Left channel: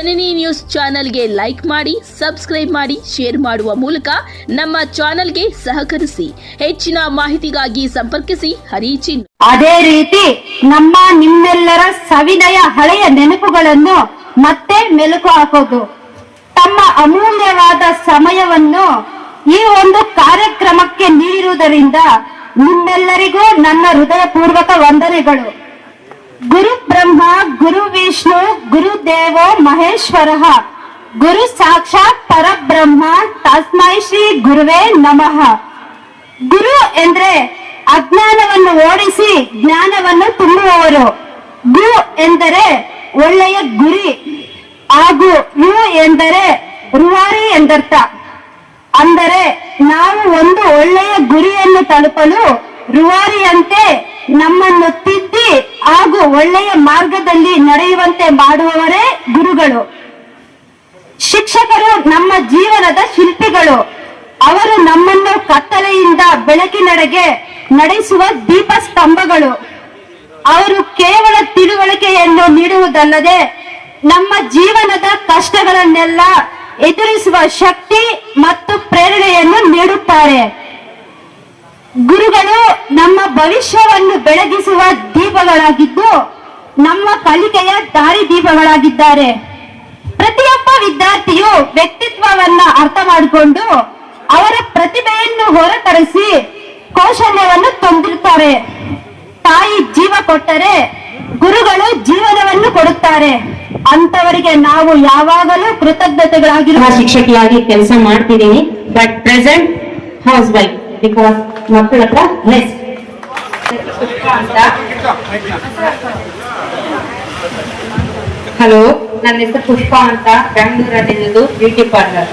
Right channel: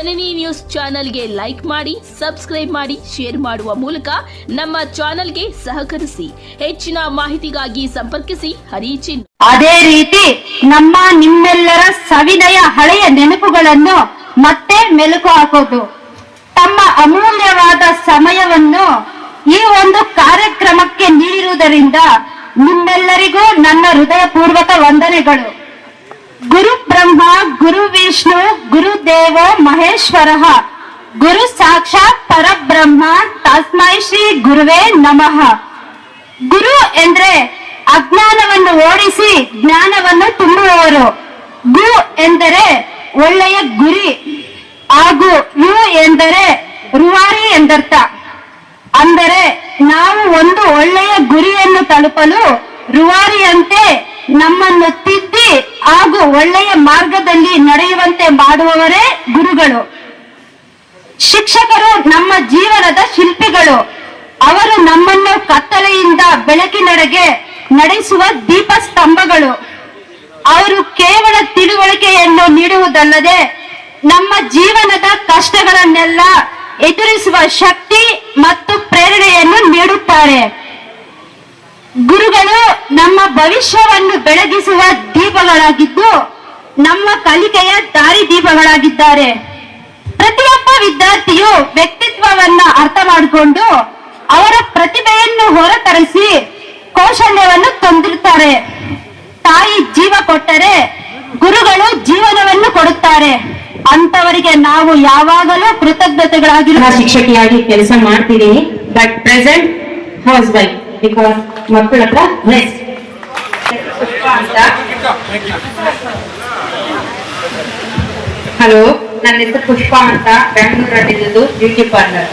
ಜನನಿ news ಚಾನೆಲ್ಗೆ like ಮಾಡಿ, subscribe ಮಾಡಿ, ಶೇರ್ ಮಾಡುವ ಮೂಲಕ ನಮ್ಮ ಚಾನೆಲ್ಗೆ ಸಹಕರಿಸಿ. ಹೆಚ್ಚಿನ ಮಾಹಿತಿಗಾಗಿ ಸಂಪರ್ಕಿಸಿ ಹರಿಚಿನ್. ಅದೇ ರೀತಿ ನಿಮ್ಮೆಲ್ಲರ ಸವಿನಯ ಹಳೆಯ ನೆನಪುಗಳನ್ನು ಮತ್ತೆ ಮೆಲುಕು ಹಾಕೋದು, ತಮ್ಮ ಅಮೂಲ್ಯವಾದ ಸಮಯವನ್ನು ಈ ಒಂದು ಕಾರ್ಯಕ್ರಮಕ್ಕೆ ನೀಡಿರುವುದರಿಂದ ನಿಮ್ಮೆಲ್ಲರಿಗೂ ನನ್ನ ಹೃದಯಪೂರ್ವಕ ವಂದನೆಗಳು. ಗುರು ಬ್ರಹ್ಮ, ಗುರು ವಿಷ್ಣು, ಗುರುದೇವ ಮಹೇಶ್ವರ, ಗುರು ಸಾಕ್ಷಾತ್ ಪರಬ್ರಹ್ಮ, ತಸ್ಮೈ ಶ್ರೀ ಗುರುವೇ ನಮಃ. ಗುರು ಎಂದ್ರೆ ಅಜ್ಞಾನವನ್ನು ಓಡಿಸಿ ಜ್ಞಾನವನ್ನು ತುಂಬುವವರು. ಗು ಎಂದರೆ ಒಳ್ಳೆಯ ಗುರಿ ಹಾಗೂ ಯು ಎಂದರೆ ರೂವಾರಿ ಎಂದರ್ಥ. ಅಂದರೆ ನಾವು ಒಂದು ಒಳ್ಳೆಯ ಗುರಿಯನ್ನು ತಲುಪಲು ರೂವಾರಿಯಂತೆ ನಮ್ಮನ್ನು ತಿದ್ದಿ ಹಾಗೂ ಒಳ್ಳೆಯ ಮಾರ್ಗದಲ್ಲಿ ನಡೆಯುವಂತೆ ಮಾಡುವವರೇ ಗುರುಗಳು. ಶಿಕ್ಷಕರು ನಮ್ಮ ಜೀವನದ ಶಿಲ್ಪಿಗಳು. ಅವರು ನಮ್ಮನ್ನು ಕತ್ತಲೆಯಿಂದ ಬೆಳಕಿನೆಡೆಗೆ ನಡೆಸುವ ದೀಪ ಸ್ತಂಭಗಳು. ಅವರು ಕೇವಲ ತಿಳುವಳಿಕೆಯನ್ನು ನೀಡುವುದಲ್ಲದೆ ನಮ್ಮ ಜೀವನದ ಕಷ್ಟಗಳನ್ನೆಲ್ಲ ಎದುರಿಸುವ ಶಕ್ತಿ ಮತ್ತು ಪ್ರೇರಣೆಯನ್ನು ನೀಡುತ್ತಾರೆ. ಗುರುಗಳು ನಮ್ಮ ಭವಿಷ್ಯವನ್ನು ಬೆಳಗಿಸುವ ದೀಪಗಳಾಗಿದ್ದು ನಮ್ಮ ಕಲಿಕೆಯ ದಾರಿ ದೀಪಗಳಾಗಿದ್ದಾರೆ. ಪ್ರತಿಯೊಬ್ಬ ವಿದ್ಯಾರ್ಥಿಯು ವ್ಯಕ್ತಿತ್ವವನ್ನ ಅರ್ಥ ಮಾಡಿಕೊಂಡು ಅವರ ಪ್ರತಿಭೆಯನ್ನು ಹೊರತರಿಸಿ ಕೌಶಲ್ಯವನ್ನು ತಂದಿರುತ್ತಾರೆ. ತಾಯಿ ಜೀವ ಕೊಟ್ಟರೆ ಗುರುಗಳು ಜೀವನವನ್ನು ಕೊಡುತ್ತಾರೆ. ಅಂತವರಿಗೆ ನಾವು ಯಾವಾಗಲೂ ಕೃತಜ್ಞತೆಗಳಾಗಿರುವ ಶಿಕ್ಷಕಿಯಾಗಿ ಕೆಲಸ ಮಾಡ್ತಿದ್ದೀನಿ. But present house wife, because ಮಕ್ಕಳ ಹತ್ರ ರೆಸ್ಟ್. ಹಲೋ, ನನ್ನ ಹೆಸರು ಪುಷ್ಪ ಅಂತ, ಬ್ಯಾಂಗ್ಳೂರಲ್ಲಿರೋದು, ಬ್ಯೂಟಿ ಪಾರ್ಲರ್.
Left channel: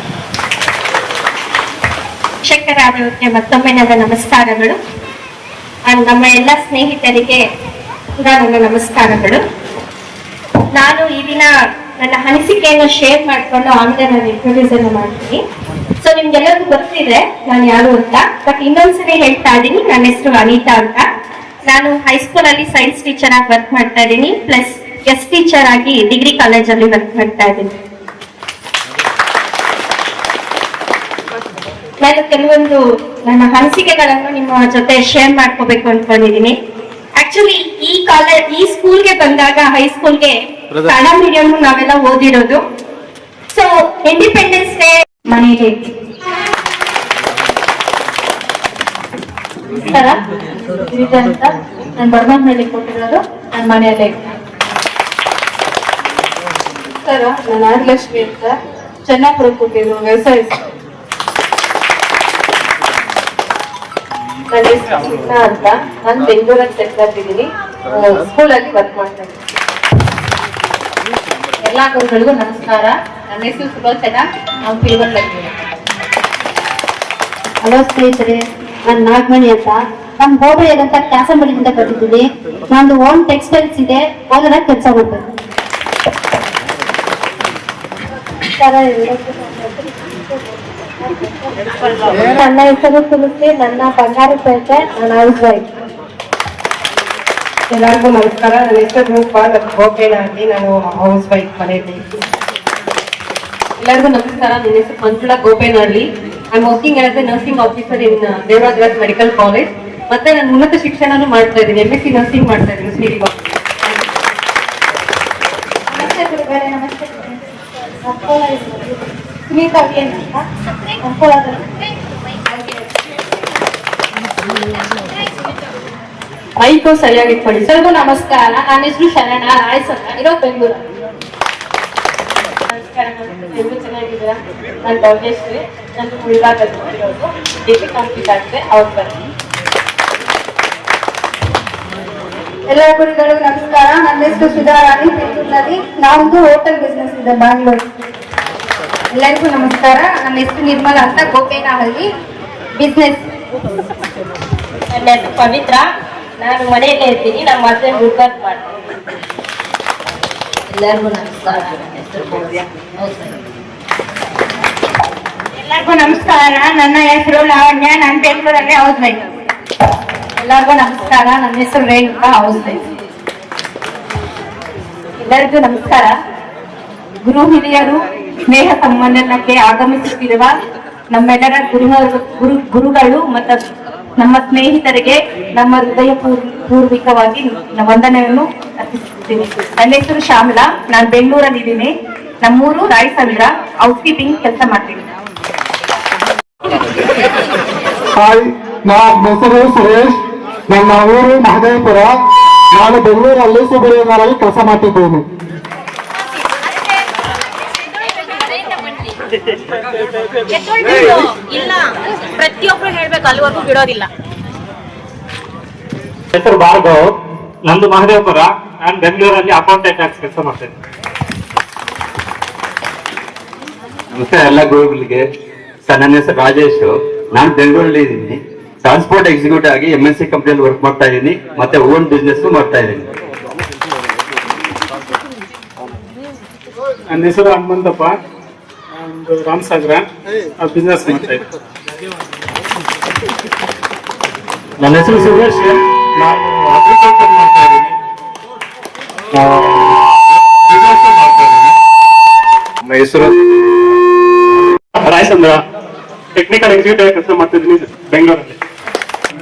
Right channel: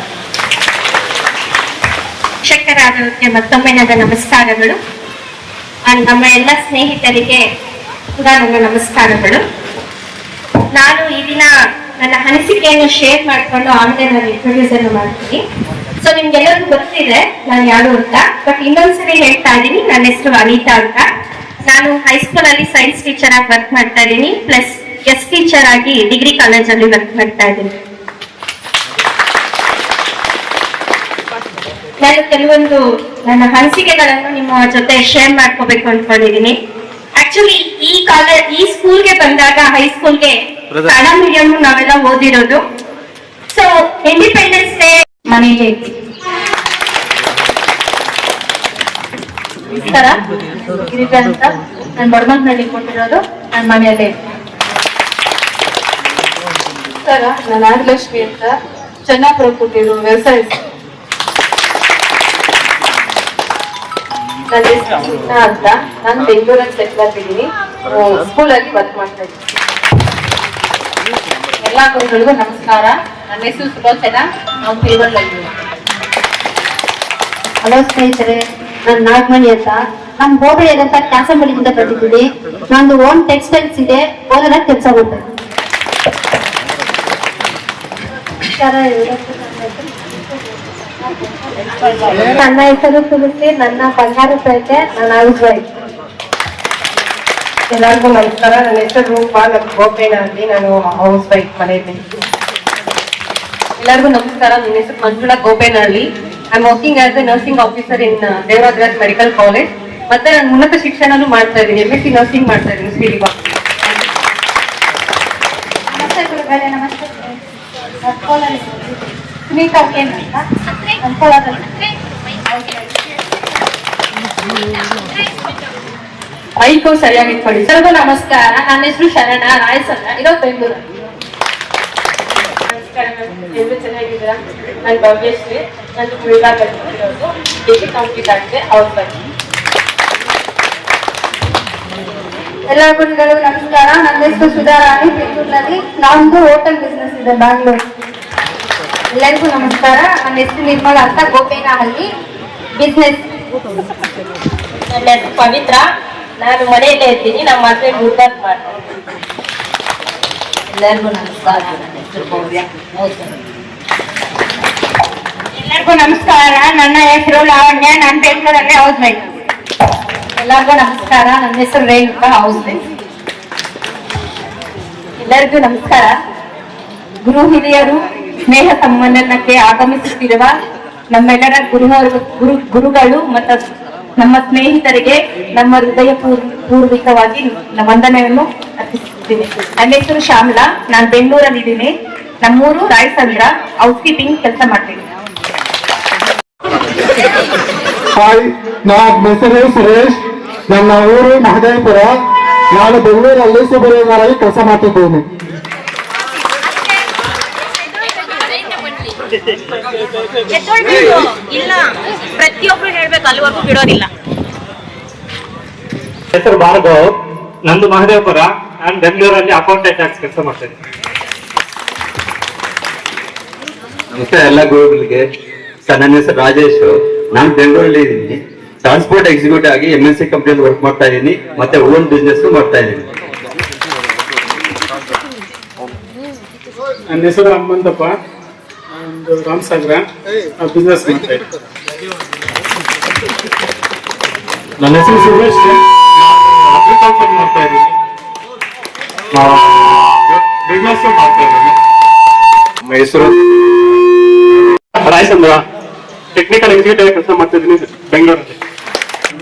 ಶಿಕ್ಷಕರಾದವರಿಗೆ ಮತ್ತೊಮ್ಮೆ ನನ್ನ ನಮಸ್ಕಾರಗಳು. ನಮ್ಮ ಎಲ್ಲ ಸ್ನೇಹಿತರಿಗೆ ಕೂಡ ನನ್ನ ನಮಸ್ಕಾರಗಳು. ನಾನು ಈ ದಿನ ನನ್ನ ಅನಿಸಿಕೆಯನ್ನು ಶೇರ್ ಮಾಡಿಕೊಂಡು ಆಮೇಲೆ ನಾನು ಇಂಟ್ರೊಡ್ಯೂಸ್ ಅನ್ನು ಮಾಡ್ತೀನಿ. ಸೊ ನಿಮ್ಗೆಲ್ಲರಿಗೂ ಗೊತ್ತಿದೆ ನಾನು ಯಾರು ಅಂತ, ಬಟ್ ಇನ್ನೊಂದ್ಸರಿ ಹೇಳ್ತಾ ಇದ್ದೀನಿ. ನನ್ನ ಹೆಸರು ಅನಿತಾ ಅಂತ. ನಾನು ಹೈಸ್ಕೂಲ್ ಅಲ್ಲಿ ಸೈನ್ಸ್ ಟೀಚರ್ ಆಗಿ ವರ್ಕ್ ಮಾಡ್ತಾ ಇದ್ದೀನಿ, ಪ್ಲಸ್ ಗೆಸ್ಟ್ ಟೀಚರ್ ಆಗಿ ಡಿಗ್ರಿ ಕಾಲೇಜಲ್ಲಿ ವರ್ಕ್ ಮಾಡ್ತಾ ಇದ್ದೀನಿ. ನಾನು ಕೆಲವೊಂದು ನನ್ನ ಅನಿಸಿಕೆಗಳನ್ನು ನಿಮ್ಮ ಜೊತೆ ಶೇರ್ ಮಾಡ್ಕೋಬೇಕು ಅನ್ಕೊಂಡಿದ್ದೀನಿ. ಆಕ್ಚುಲಿ ಈ ಸ್ಕೂಲ್ಗೆ ಬಂದಾಗ, ಹೈಸ್ಕೂಲ್ಗೆ ಕನ್ನಡ ಮೀಡಿಯಂ ನಾವೆಲ್ಲ ಓದಿರೋದು. ಸೊ ಇಂಡಿಪೆಂಡೆನ್ಸ್ ಡೇ ಮನೆಗೆ ನಮಸ್ಕಾರ ಅಂತ ನಾನು ಬಡಮಂಗ್ನಲ್ಲಿ ಕೊಟ್ಟಿರೋದು ನನ್ನ ಮನೆಯಲ್ಲೇ. ನಮಸ್ಕಾರ, ನಾನು ನಾಗಲಕ್ಷ್ಮಿ ಅಂತ ಚೆನ್ನಾಪುರ ಕೊಟ್ಟಿರೋ ವ್ಯವಸಾಯ. ನನ್ನ ಹೆಸರು ಚಿನ್ನ ಅಂತ, ನಾನು ಬೆಂಗಳೂರಲ್ಲಿ ಸೆಟ್ಲ್ ಆಗಿದ್ದೀನಿ, ಸ್ಕೂಲಲ್ಲಿ ವರ್ಕ್ ಮಾಡ್ತಾ ಇದ್ದೀನಿ. ಎಲ್ಲಾ ಗುರುಗಳಿಗೂ ನಮಸ್ಕಾರ. ನನ್ನ ಹೆಸರು ಸುಲೋಚನಾ, ನಾವು ತಿರುವಳ್ಳಲ್ಲಿ. ಹಲೋ ಸ್ನೇಹಿತರೆ, ನಾನು ನಾಗಮಣಿ ಅಂತ, ನಮ್ಮ ಹೋಬಳಿಯಾದಂತ ಕ್ಯಾಸಂಬಳಿಯಿಂದ ಬರ್ತಿದ್ದೀನಿ. ನಂದು ಓನ್ ಟೆಕ್ಸ್ಟೈಲ್ಸ್ ಇದೆ, ಓನರ್ ಕೆಲಸ ಮಾಡ್ತೇನೆ. ನನ್ನ ಹೆಸರು ತುಳಸಿ, ನನ್ನ ಬಂಗಾರಪೇಟೆ, ನನ್ನ ಹೌಸ್ ವೈಫ್. ಎಲ್ಲರಿಗೂ ನಮಸ್ಕಾರ. ನನ್ನ ಹೆಸರು ರೂಪಾ, ನನ್ನ ಗೋಪೇನಲ್ಲಿ, ನಾನು ಹೌಸ್ ವೈಫ್ ಮನೆಯಲ್ಲಿ. ಎಲ್ಲರಿಗೂ ನಮಸ್ಕಾರ. ನನ್ನ ಹೆಸರು Manjula Gopenahalli. I am working as a nursing officer in Devaraj medical college. ಮತ್ತೆ ನಾನು ಉನ್ನತ ಶಿಕ್ಷಣನೂ ಮಾಡ್ತಾ ಇದ್ದೀನಿ, MSc ನರ್ಸಿಂಗ್ ಮಾಡ್ತಾ ಇದ್ದೀನಿ ಶ್ರೀವ. ನಮಸ್ತೆ ಗುರುಗಳೇ. ನಮಸ್ತೆ ಸುನೀತಾ ಅಂತ ಅಂಕೋಲಾದಲ್ಲಿ. ಮೈಕು ಸರಿಯಾಗಿ ಇಟ್ಕೊಳ್ಳಿ. ಎಲ್ಲರಿಗೂ ನಮಸ್ಕಾರ. ನನ್ನ ಹೆಸರು ಶರಣ ರಾಯಸನ್ನ, ಇರೋ ಬೆಂಗಳೂರು. ನಮಸ್ಕಾರ, ಎಲ್ಲರೂ ಚೆನ್ನಾಗಿದ್ದೀರಾ? ನಾನು ಭವ್ಯಶ್ರೀ, ನನ್ನ ಗುಲ್ಬರ್ಗದಲ್ಲಿ ಇರೋದು, ಡಿಗ್ರಿ ಕಂಪ್ಲೀಟ್ ಆಗಿದೆ, ಹೌಸ್ ವೈಫ್. ಎಲ್ಲ ಗುರುಗಳಿಗೂ ನಮಸ್ಕಾರ. ನನ್ನ ಹೆಸರು ಸುಧಾರಾಣಿ, ಬೆಂಗಳೂರಿನಲ್ಲಿ. ನಮ್ದು ಹೋಟೆಲ್ ಬಿಸ್ನೆಸ್ ಇದೆ, ಬ್ಯಾಂಗ್ಳೂರು. ಎಲ್ಲರಿಗೂ ನಮಸ್ಕಾರ. ನನ್ನ ಹೆಸರು ನಿರ್ಮಲಾ ಅಂತ, ಗೋಪೇನಹಳ್ಳಿ, ಬಿಸ್ನೆಸ್. ನನ್ನ ಹೆಸರು ಪವಿತ್ರ, ನಾನು ಮನೆಯಲ್ಲೇ ಇರ್ತೀನಿ, ನಮ್ಮ ಹಸ್ಬೆಂಡ್ ಗುಲ್ಬರ್ಗ ಮಾಡ್ತೀನಿ. ಎಲ್ಲರಿಗೂ ನಮಸ್ಕಾರ. ನನ್ನ ಹೆಸರು ಭವ್ಯ. ಎಲ್ಲರಿಗೂ ನಮಸ್ಕಾರ. ನನ್ನ ಹೆಸರು ಲಾವಣ್ಯ, ನಾನು ಬೆಂಗಳೂರಲ್ಲಿ ಹೌಸ್ ವೈಫ್. ಎಲ್ಲರಿಗೂ ನಮಸ್ಕಾರ. ನನ್ನ ಹೆಸರು ರೇಣುಕಾ, ಹೌಸ್ ವೈಫ್. ಎಲ್ಲರಿಗೂ ನಮಸ್ಕಾರ. ಗುರು ಹಿರಿಯರು ಸ್ನೇಹ ಸಮ್ಮೇಳನಕ್ಕೆ ಆಗಮಿಸುತ್ತಿರುವ ನಮ್ಮೆಲ್ಲರ ಗುರುಗಳು ಮತ್ತು ನಮ್ಮ ಸ್ನೇಹಿತರಿಗೆ ನಮ್ಮ ಹೃದಯ ಪೂರ್ವಿಕವಾಗಿ ವಂದನೆಯನ್ನು ಅರ್ಪಿಸುತ್ತೀನಿ. ನನ್ನ ಹೆಸರು ಶ್ಯಾಮಲಾ, ನಾನು ಬೆಂಗಳೂರಲ್ಲಿದ್ದೀನಿ. ನಮ್ಮೂರು ರಾಯಸಂದ್ರ, ಹೌಸ್ ಕೀಪಿಂಗ್ ಕೆಲಸ ಮಾಡ್ತೀನಿ. ಹಾಯ್, ನನ್ನ ಹೆಸರು ಸುರೇಶ್, ನನ್ನ ಊರು ಮಹದೇವಪುರ. ನಾನು ಬೆಂಗಳೂರಲ್ಲಿ ಸೂಪರ್ವೈಸರ್ ಕೆಲಸ ಮಾಡ್ತಿದ್ದೇನೆ. ಇಲ್ಲ, ಪ್ರತಿಯೊಬ್ರು ಹೇಳ್ಬೇಕು, ಅಲ್ಲಿವರೆಗೂ ಬಿಡೋದಿಲ್ಲ. ಹೆಸರು ಭಾರ್ಗವ್, ನಂದು ಮಹದೇವಪುರ. ನಾನು ಬೆಂಗಳೂರಲ್ಲಿ ಅಕೌಂಟೆಂಟ್ ಆಗಿ ಕೆಲಸ ಮಾಡ್ತೇನೆ. ನಮಸ್ಕಾರ ಎಲ್ಲ ಗುರುಗಳಿಗೆ. ಸರ್, ನನ್ನ ಹೆಸರು ರಾಜೇಶ್, ನಾನು ಬೆಂಗಳೂರಲ್ಲಿ ಇದ್ದೀನಿ. ಟ್ರಾನ್ಸ್ಪೋರ್ಟ್ ಎಕ್ಸಿಕ್ಯೂಟಿವ್ ಆಗಿ MNC ಕಂಪ್ನಿಯಲ್ಲಿ ವರ್ಕ್ ಮಾಡ್ತಾ ಇದ್ದೀನಿ, ಮತ್ತೆ ಓನ್ ಬಿಸ್ನೆಸ್ ಮಾಡ್ತಾ ಇದ್ದೀನಿ. ನನ್ನ ಹೆಸರು ಹನುಮಂತಪ್ಪ, ಒಂದು ರಾಮಸಾಗರ ಬಿಸ್ನೆಸ್ ಮಾಡ್ತಾ ಇದ್ದೀನಿ. ನನ್ನ ಹೆಸರು ಸುರೇಶ್, ನಾನು ಅಗ್ರಿಕಲ್ಚರ್ ಮಾಡ್ತಾ ಇದ್ದೀನಿ. ಬಿಸ್ನೆಸ್ ಮಾಡ್ತಾ ಇದ್ದೀನಿ. ನನ್ನ ಹೆಸರು ರಾಯಸಂದ್ರ, ಟೆಕ್ನಿಕಲ್ ಎಕ್ಸಿಕ್ಯೂಟಿವ್ ಕೆಲಸ ಮಾಡ್ತಿದ್ದೀನಿ ಬೆಂಗಳೂರಲ್ಲಿ.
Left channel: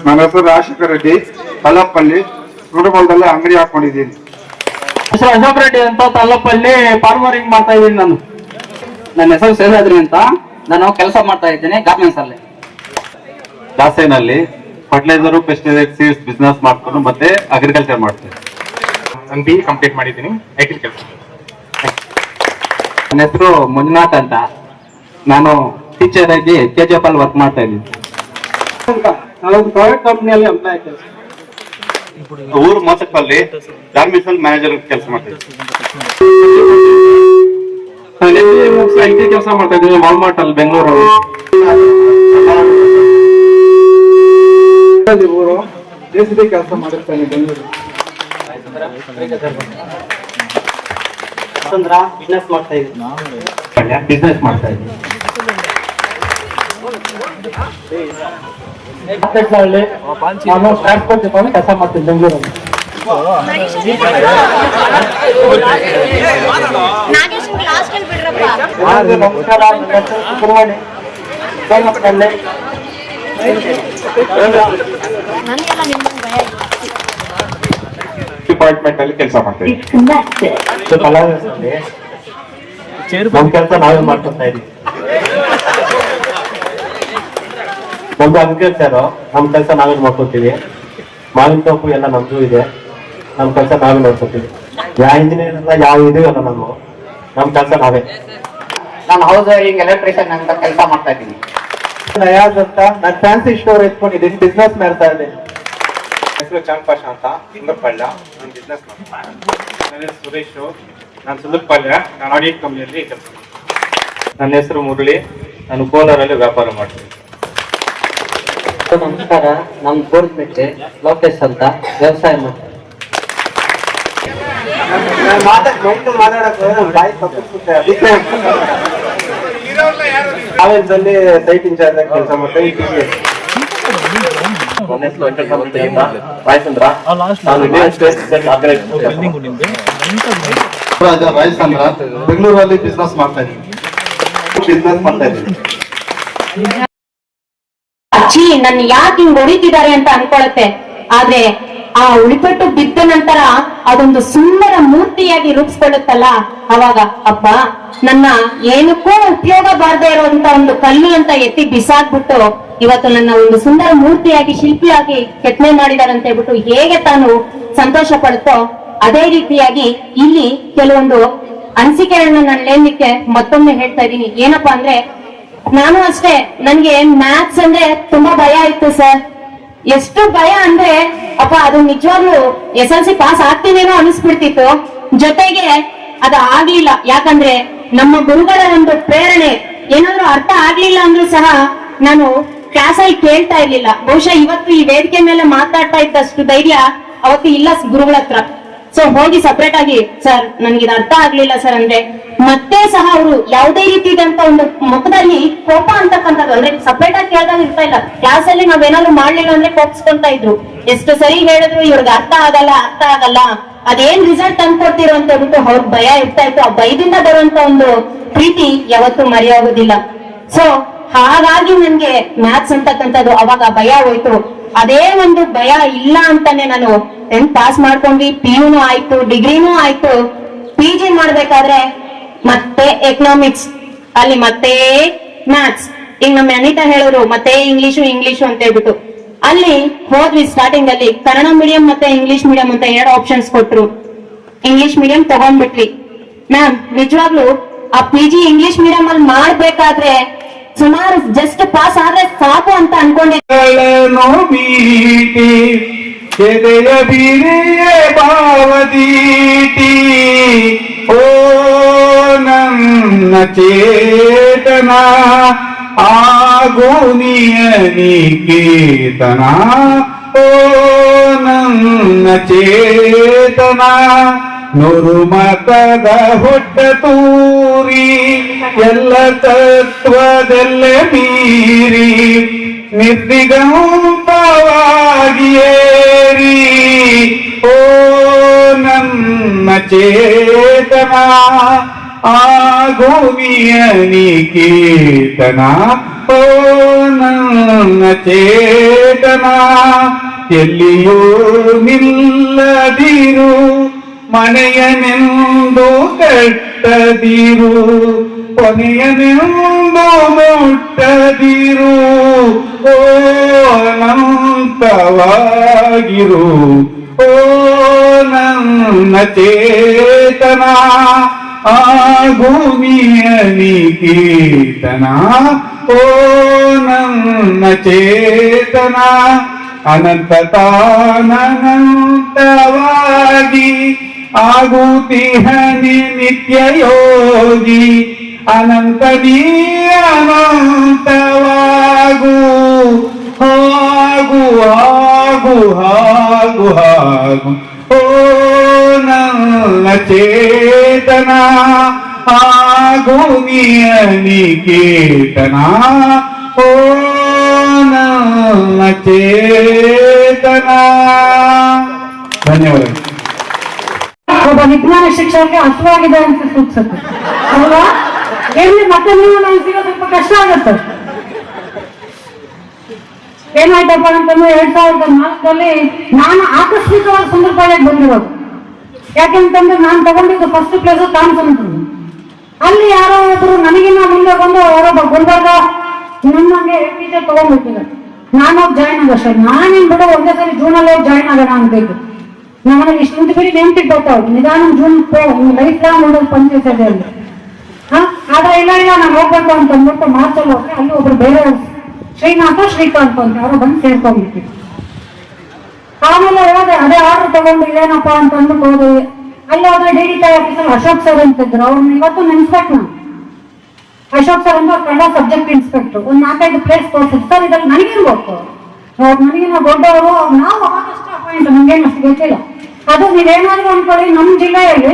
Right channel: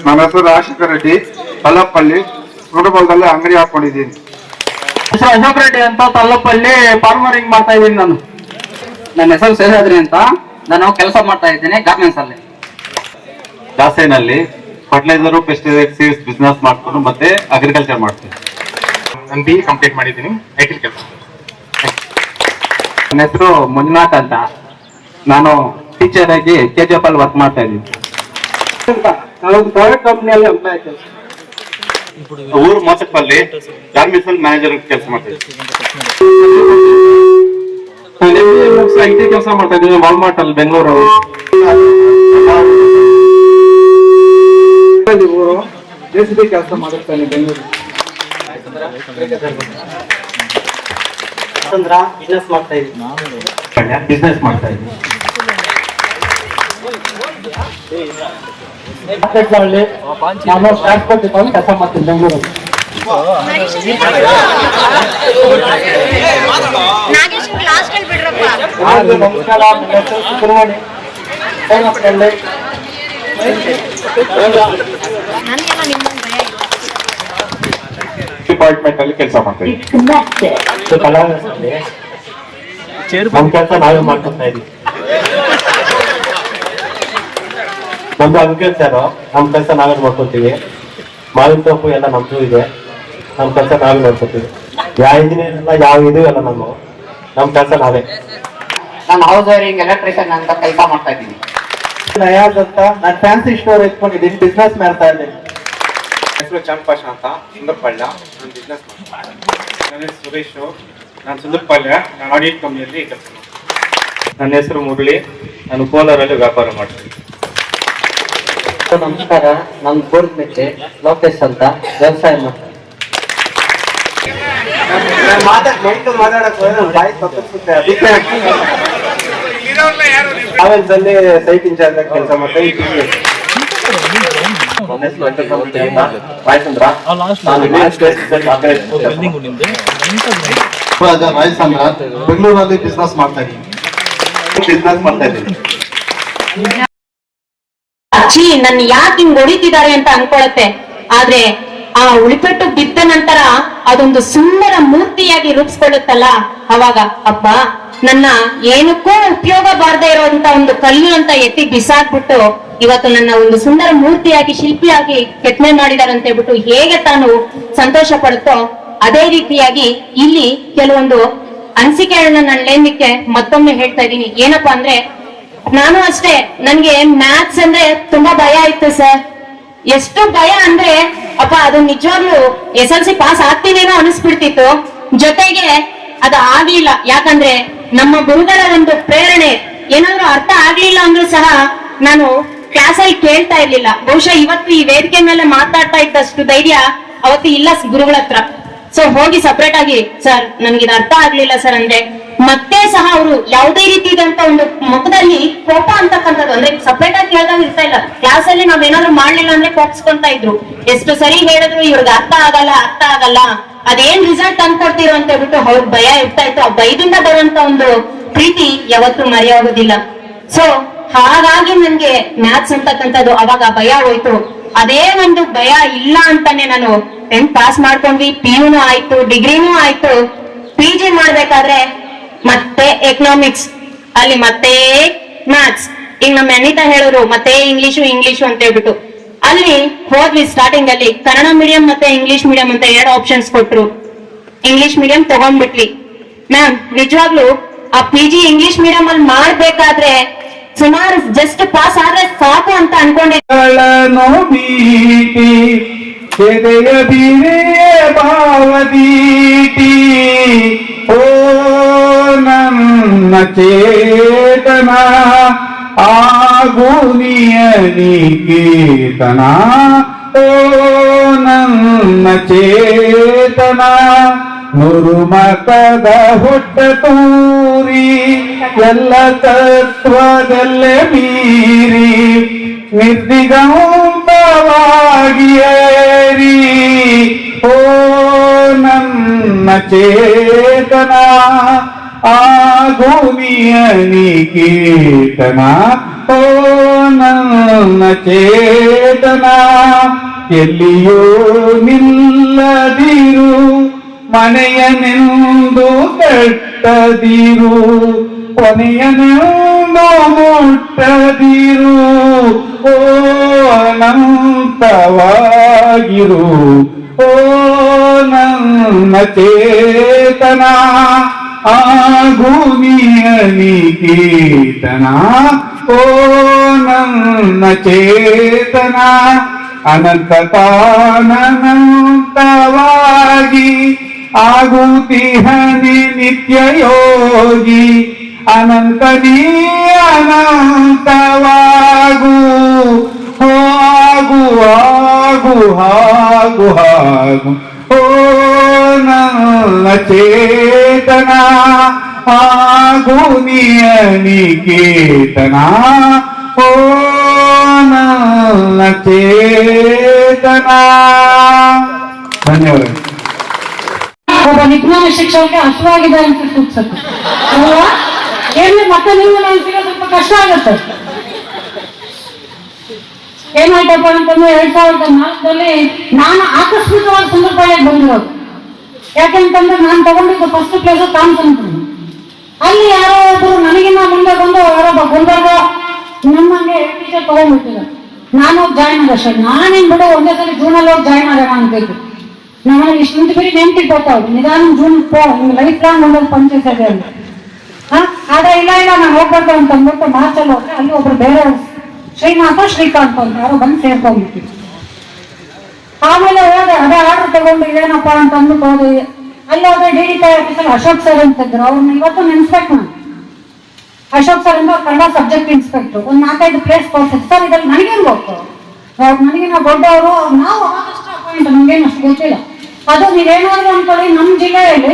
ನನ್ನ ಹೆಸರು ರಾಜಶೇಖರ್ ರೆಡ್ಡಿ, ತಲ್ಲಪ್ಪಲ್ಲಿ ಸುರಬಲದಲ್ಲಿ ಅಂಗಡಿ ಹಾಕೊಂಡಿದ್ದೀನಿ. ಹೆಸರು ಅಶೋಕ್ ರೆಡ್ಡಿ ಅಂತ, ತಲ್ಲಪ್ಪಲ್ಲಿ ಫಾರ್ಮರಿಂಗ್ ಮಾಡ್ತಾ ಇದ್ದೀನಿ ನಾನು. ನನ್ನ ಹೆಸರು ಶೇಷಾದ್ರಿ ಅಂತ, ನಾನು ಕೆಲಸ ಮಾಡ್ತಾ ಇದ್ದೀನಿ ಗಾರ್ಮೆಂಟ್ಸ್ ಅಲ್ಲಿ. ದಾಸೇನಲ್ಲಿ ಫರ್ಟಿಲೈಸರ್, ಪೆಸ್ಟಿಸೈಡ್, ಸೀಡ್ಸ್ ಬಿಸ್ನೆಸ್ ಮಾಡ್ಕೊಂಡು ಮತ್ತೆ ಅಗ್ರಿಕಲ್ಚರ್ ಮಾಡ್ತೀನಿ. ನಾನು BE ಕಂಪ್ಲೀಟ್ ಮಾಡಿದ್ದೀನಿ, ಐಟಿ ಕೆಲಸ. ನನ್ನ ಹೆಸರು ಮಂಜುನಾಥ್ ಅಂತ, ನಾನು ಟೀಚರ್ ಆಗಿ KGF ಅಲ್ಲಿ ವರ್ಕ್ ಮಾಡ್ತಾ ಇದ್ದೀನಿ. ನಾವೊಂದು ಪ್ರೈವೇಟ್ ಕಂಪ್ನಿಯಲ್ಲಿ ಎಂಪ್ಲಾಯ್ ಕೆಲಸ. ಊರು ಮೋಸಪ್ಪಲ್ಲಿ ಗಾರ್ಮೆಂಟ್ಸ್ ಮ್ಯಾನೇಜರ್ ಕೆಲಸ ಮಾಡ್ತೀನಿ. IT ಕೆಲಸ ಮಾಡ್ತಾ ಇದ್ದೀನಿ ವಾಲ್ಮಾರ್ಟ್ ಅಲ್ಲಿ ಬೆಂಗಳೂರಲ್ಲಿ. JCB ಕೆಲಸ ಮಾಡುತ್ತೇನೆ ಬೆಂಗಳೂರು. ಬಿಸ್ನೆಸ್ ಮಾಡ್ತಾ ಇದ್ದೀನಿ. ಬಿಸ್ನೆಸ್ ಮಾಡ್ತಾ ಇದ್ದೀನಿ. ನಾನು ಟ್ರಾನ್ಸ್ಪೋರ್ಟ್ ಡಿಪಾರ್ಟ್ಮೆಂಟ್ ಕೆಲಸ ಮಾಡ್ತೀನಿ ಬೆಂಗಳೂರಲ್ಲಿ. ನಮಸ್ಕಾರ, ನನ್ನ ಹೆಸರು ಸುಬ್ರಹ್ಮಣ್ಯ ಡಿಪಾರ್ಟ್ಮೆಂಟ್ ಅಲ್ಲಿ ಕೆಲಸ ಮಾಡ್ತಾ ಇದ್ದೀನಿ. ನಮ್ಮ ಕೆಲಸ ನಾವೇ ಮಾಡ್ಕೊತಾ ಇದ್ದೀವಿ. ನಮ್ದು ಅಗ್ರಿಕಲ್ಚರ್, ನಮ್ಮ ಕೆಲಸ ನಾವೇ ನೋಡ್ಕೊತೀವಿ. ಮಾವಿನ ತೋಪು ಎಲ್ಲ ನಮ್ದು ಇದೆ, ನಮ್ಮ ಕೆಲಸ ನಾವೇ ನೋಡ್ಕೊತೀವಿ. ಯಾವ ಇಂಜಿನಿಯರ್ ಎಲ್ಲ ಯಾವ ಇದೀವಲ್ಲ ನಮ್ಮ ಕೆಲಸ ನಾವೇ. ನಾನು ಹೌಸ್ ವೈರಿಂಗ್ ಎಲೆಕ್ಟ್ರಿಷಿಯನ್ ಅಂತ ಕೆಲಸ ಮಾಡ್ತಾ ಇದ್ದೀನಿ. ನಯಾಜ್ ಅಂತ, ನಾನು ಫ್ಯಾನ್ಸಿ ಸ್ಟೋರ್ ಇಟ್ಕೊಂಡಿದ್ದೀನಿ, ಬಿಸ್ನೆಸ್ ಮಾಡ್ತಾ ಇದ್ದೀನಿ. ಹೆಸರು ಚಾಂಪಾಷ ಅಂತ, ಸುಂದರಪಾಳ್ಯ. ನಾನು ಬಿಸ್ನೆಸ್ ಮಾಡ್ತೀನಿ. ನನ್ನ ಹೆಸರು ಸುರೇಶ್, ನಾನು ಸುಂದರಪಾಳ್ಯ, ನಾನು ಆಡಿಟ್ ಕಂಪ್ನಿಯಲ್ಲಿ ಕೆಲಸ ಮಾಡ್ತೀನಿ. ನನ್ನ ಹೆಸರು ಮುರಳಿ, ನಾನು ಕೋಲಾರಲ್ಲಿ ವ್ಯಾಪಾರ ಮಾಡ್ತೀನಿ. ನಮಸ್ಕಾರ, ನಾನು ಗೋರ್ಮೆಂಟ್ ಲೋಕೇಶ್ ಅಂತ, ವ್ಯವಸಾಯ ಮಾಡ್ತೀನಿ. ಟ್ರಾವೆಲ್ಸ್ ಸೈಟ್ ಇನ್ಚಾರ್ಜ್ ಆಗಿ ಕೆಲಸ ಮಾಡ್ತೀನಿ. ಬೆಂಗಳೂರಲ್ಲಿ ಬಿಸ್ನೆಸ್ ಮಾಡ್ತಾ ಇದ್ದೀನಿ. ಅಜ್ಜಿ ನನ್ನ ಯಾಕೆ ಹಿಂಗ್ ಹೊಡಿತಿದ್ದಾರೆ ಅಂತ ಅನ್ಕೊಳತ್ತೆ. ಆದ್ರೆ ಆ ಉಳಿಪೆಟ್ಟು ಬಿದ್ದ ನಂತರ ಅದೊಂದು ಸುಂದರ ಮೂರ್ತಿಯಾಗಿ ರೂಪಿಸ್ಕೊಳ್ಳುತ್ತಲ್ಲ, ಅವಾಗ ಅಪ್ಪ ನನ್ನ ಏನಕ್ಕೂ ಉಪಯೋಗ ಬಾರದೇ ಇರುವಂತ ಒಂದು ಕಲ್ಲು ಅಂತ ಎತ್ತಿ ಬಿಸಾಕ್ಬಿಟ್ಟು ಇವತ್ತು ನನ್ನ ಒಂದು ಸುಂದರ ಮೂರ್ತಿಯಾಗಿ ಶಿಲ್ಪಿಯಾಗಿ ಕೆತ್ತನೆ ಮಾಡಿದಾರೆ ಅಂತ ಹೇಳ್ಬಿಟ್ಟು ಹೇಗೆ ತಾನು ಸಂತೋಷ ಪಡುತ್ತೋ, ಅದೇ ರೀತಿಯಾಗಿ ಇಲ್ಲಿ ಕೆಲವೊಂದು ಅನಿಸಿಕೆಗಳನ್ನ ನಾನು ಲೇನ್ಲಿಕ್ಕೆ ಮತ್ತೊಮ್ಮೆ ಹೇಳ್ತಾ ಇದ್ದೀನಿ. ಏನಪ್ಪಾ ಅಂದ್ರೆ, ನಾನು ಅಷ್ಟೇ, ನನ್ಗೆ ಮ್ಯಾಥ್ಸ್ ಅಂದ್ರೆ ತುಂಬಾ ಭಯ ಇತ್ತು ಸರ್. ಎಷ್ಟು ಭಯ ಅಂದ್ರೆ ಅಪ್ಪ ಅದು ನಿಜವಾಗ್ಲೂ SLC ಪಾಸ್ ಆಗ್ತೀನೇನೋ ಅನಿಸ್ಬಿಡ್ತಿತ್ತು. ಜೊತೆಗೆ ಅದು ಆಗ್ಲಿಲ್ಲ. ಯಾಕಂದ್ರೆ ನಮ್ಮ ಗುರುಗಳ ಒಂದು ಪ್ರೇರಣೆ ಏನಾದ್ರು ಅರ್ಥ ಆಗ್ಲಿಲ್ಲ ಅಂದ್ರೂ ಸಹ ನಾನು ಕ್ಲಾಸಲ್ಲಿ ಕೇಳ್ತಾ ಇರ್ಲಿಲ್ಲ. ಬಹುಶಃ ಇವತ್ತು ಈ ವೇದಿಕೆ ಮೇಲೆ ಮಾತಾಡ್ತಾ ಇದ್ದಷ್ಟು ಧೈರ್ಯ ಅವತ್ತು ಇಲ್ಲ ಗುರುಗಳ ಹತ್ರ. ಸೊ ಹೋಗಿ ಸಪರೇಟ್ ಆಗಿ ಸರ್ ನನ್ಗಿದು ಅರ್ಥ ಆಗ್ಲಿಲ್ಲ ಸರ್ ಅಂದ್ರೆ ಮತ್ತೆ ಸಹ ಅವರು ಯಾವುದೇ ರೀತಿಯಾದಂತ ಒಂದು ಮುಖದಲ್ಲಿ ಕೋಪ ಅಂತಕ್ಕಂಥದ್ದು ಅಂದ್ರೆ ಸಪರೇಟ್ ಆಗಿ ಕೇಳ್ದಾಗ ಇರ್ತಾ ಇಲ್ಲ. ಕ್ಲಾಸ್ ಅಲ್ಲಿ ನಾವೇನಾದ್ರು ಮಾಡ್ಲಿಲ್ಲ ಅಂದ್ರೆ ಕೋಪಿಸ್ಕೊಂತ ಇದ್ರು. ಎಷ್ಟು ಸರಿ ಹೇಳಿದ್ರು ಇವ್ರಿಗೆ ಅರ್ಥ ಆಗಲ್ಲ ಅದೇನ್ ರಿಸಲ್ಟ್ ತಂದ್ಕೊಡ್ತೀರೋ ಅಂತ ಹೇಳ್ಬಿಟ್ಟು ಅವ್ರ ಭಯ ಇರ್ತಾ ಇತ್ತು. ಆ ಭಯದಿಂದ ಬರುವಂತ ಒಂದು ಪ್ರೀತಿ ಯಾವತ್ತೂ ಮರೆಯೋಗೋದಿಲ್ಲ. ಸೊ ಹಾಗಾಗಿ ನನ್ಗೆ ಮ್ಯಾಥ್ಸ್ ಅಂತಕ್ಕಂಥದ್ದು ಅವಾಗ ಭಯ ಹೋಯ್ತು. ಅದೇ ಒಂದು ಭಯ ಇಲ್ಲ ಅಂತಾನೆ ನಾನು 10th ಪಾಸ್ ಮಾಡ್ಕೊಂಡ್ವಿ, PU ಆಯ್ತು, ಡಿಗ್ರಿನೂ ಆಯ್ತು. PG ಮಾಡ್ಬೇಕಾದ್ರೆ ಮತ್ತೆ ಎಕನಾಮಿಕ್ಸ್, ಅಲ್ಲಿ ಮತ್ತೆ ಮ್ಯಾಥ್ಸ್. ಈಗ ನಮ್ಮ ಅನಿತಾ ಹೇಳಿದ್ರು ಮತ್ತೆ ಇಂಗ್ಲಿಷು ಅಂತ ಹೇಳ್ಬಿಟ್ಟು ಅಲ್ಲಿ ಹೋದ್ವಿ. ಸ್ಟಾರ್ಟಿಂಗ್ ಅಲ್ಲಿ ಕನ್ನಡ ಮೀಡಿಯಂ ಮತ್ತೆ ಇಂಗ್ಲಿಷ್ ಮೀಡಿಯಂ ಅಂತ 2 ಆಪ್ಷನ್ಸ್ ಕೊಟ್ರು. English medium ತಗೊಂಡ್ಬಿಟ್ವಿ. ಮ್ಯಾಮ್ ನಿಜವಾಗ್ಲು ಆ PG ಇಂಗ್ಲಿಷ್ ಮೀಡಿಯಂ ಅಲ್ಲಿ ಮಾಡ್ಬೇಕಾದ್ರೆ ಸುಮಾರು ಜಸ್ಟ್ ಪಾಸ್ ಆದ್ರೆ ಸಾಕು ಅಂತ ಅನ್ಕೊಂಡಿದ್ದೆ. ಎದೆಯ ಬೀರೆಯ ಭಾವದೀಟಿ ಓ ನನ್ನ ಚೇತನ ಆಗು ನಿಯನಿಕೇತನ ಓ ನನ್ನ ಚೇತನ ನೂರು ಮತದ ಹೊಟ್ಟ ತೂರಿ ಎಲ್ಲ ತತ್ವದಲ್ಲೇ ಮೀರಿ ನಿರ್ದಿಗಂತವಾಗಿಯೇರಿ ಓ ನನ್ನ ಚೇತನ ಆಗು ನಿಯನಿಕೇತನ ಓ ನನ್ನ ಚೇತನ ಎಲ್ಲಿಯೂ ನಿಲ್ಲದಿರು ಮನೆಯನೆಂದು ಕಟ್ಟದಿರು ಕೊನೆಯನೆಂದು ಮುಟ್ಟದಿರು ಓ ಅನಂತವಾಗಿರು ಓ ನನ್ನ ಚೇತನ ಆಗು ನಿಯನಿಕೇತನ ಓ ನನ್ನ ಚೇತನ ಅನಂತತಾನಂತವಾಗಿ ಆಗುತ್ತಿಹನಿ ನಿತ್ಯ ಯೋಗಿ ಅನಂತ ನೀ ಅನಂತವಾಗು ಹಾಗು ಹಾಗು ಹಾಗು ಹಾಗು ಓ ನನ್ನ ಚೇತನ ಆಗು ನಿಯನಿಕೇತನ ಓ ನನ್ನ ಚೇತನ. ಧನ್ಯವಾದ. ಒಬ್ಬ ವಿಜ್ಞಾನ ಶಿಕ್ಷಕರಿಗೆ ಹಸುವಾಗಿದೆ ಅಂತ ಸೂಚಿಸುತ್ತೆ ಅಲ್ವಾ? ಏನೇ ಮತ್ತೆ ನೀವು ನನಗೆ ಸಿಗೋದು ಸ್ವಲ್ಪ ಕಷ್ಟ ಆಗುತ್ತೆ. ಏನಾಯ್ತಪ್ಪ ಅಂತಂದ್ರೆ 2004ರಲ್ಲಿ ನಾನು ಆಕಸ್ಮಿಕವಾಗಿ ಸುಂದರಪಾಳ್ಯಕ್ಕೆ ಬಂದಿರೋದು. ಯಾಕೆಂತಂದ್ರೆ ನಾನು ತಗೊಂಡಿದ್ದು ಫಸ್ಟ್ ಪ್ಲೇಸ್ ಕಾನ್ಸಂಟ್ರು. ಅಲ್ಲಿ ಯಾರೋ ಒಬ್ರು ನನಗಿನ್ನ ಮುಂದೆ ಬಂದು ಯಾರೊಬ್ಬ ಗುಲ್ಬರ್ಗ ನಮ್ಮಂಗೆ ಟೀಚರ್ ತಗೊಂಡ್ಬಿಟ್ಟಿದ್ದಾರೆ. ನಾನು ಹೋಗಿ ಜಾಯ್ನ್ ಆಗ ಸರ್ ನಾನೇನ್ ಬಿಡು ಒಂದೇ ಸಲ ಜೂನಲ್ಲಿ ಹೋಗಿ ಜಾಯ್ನ್ ಆಗೋಣ ಅನ್ಬೇಕು. ನಮ್ಮಲ್ಲಿ ಇಷ್ಟು ಬಿಡಿ ನೆನ್ಪಿಟ್ಟು ನಿಧಾನ ಜೂನ್ ಲೈಫ್ ಲಾಂಗ್ ಉಳ್ಳೋದು ಪಂಚಾಯತ್ ಅಲ್ಲಿ ಆದ್ರೆ ಇಲ್ಲ ನಾನು ಹೋಗ್ಬೇಕು ಅಂತ ಅಂದ್ಬಿಟ್ಟು ಮಾರ್ಚಲ್ಲಿ ಹೋದ್ರೆ ಅಲ್ಲಿ ಒಬ್ರು ಬೇರೆ ಶ್ರೀನಾಥ ಶ್ರೀಕಾಂತ್ ಅಂತ ಯಾರೋ ಬಂದು ಸೇರ್ಕೊಂಡ್ಬಿಟ್ಟು ಆಮೇಲೆ ಹೋದೆ ಅದೇ ಆರ್ಡರ್ ತಗೊಂಡು ಇದೇನಪ್ಪ ಅಂತ ಅಂದ್ಬಿಟ್ಟು ಹೋದೆ. ಅಲ್ಲಿ ಹೋದ್ರೆ DDT ಆಫೀಸಲ್ಲಿ ಅಶೋಕ್ ಸರ್ ಅಂತಿದ್ರು. ಅವ್ರನ್ನ ಇವತ್ತು ನೆನ್ಸ್ಬೇಕು ನಾನು. ಅಶೋಕ್ ಸರ್ ಅಂತ ಕನ್ನಡ ಸಬ್ಜೆಕ್ಟ್ ಇನ್ಸ್ಪೆಕ್ಟರ್. ಒಂದು 4-5 ಪ್ಲೇಸ್ ಕೊಡ್ಸಿದ್ರು. ಸರ್ ಇದ್ರಲ್ಲಿ ನನಗೇನು ಗೊತ್ತು, ನನಗೆ ನಾವು ದೊಡ್ಡವರು, ನಾವು ಅವಾಗಷ್ಟು ಅಪಾಯಿಂಟ್ ನಮ್ಗೇನು ಅಷ್ಟು ಗೊತ್ತಿಲ್ಲ. ಅದು ನೀವೇನಾದ್ರು ಅನ್ಕೊಳ್ಳಿ, ನಮ್ಮ ಜಿಲ್ಲೆಯಲ್ಲಿ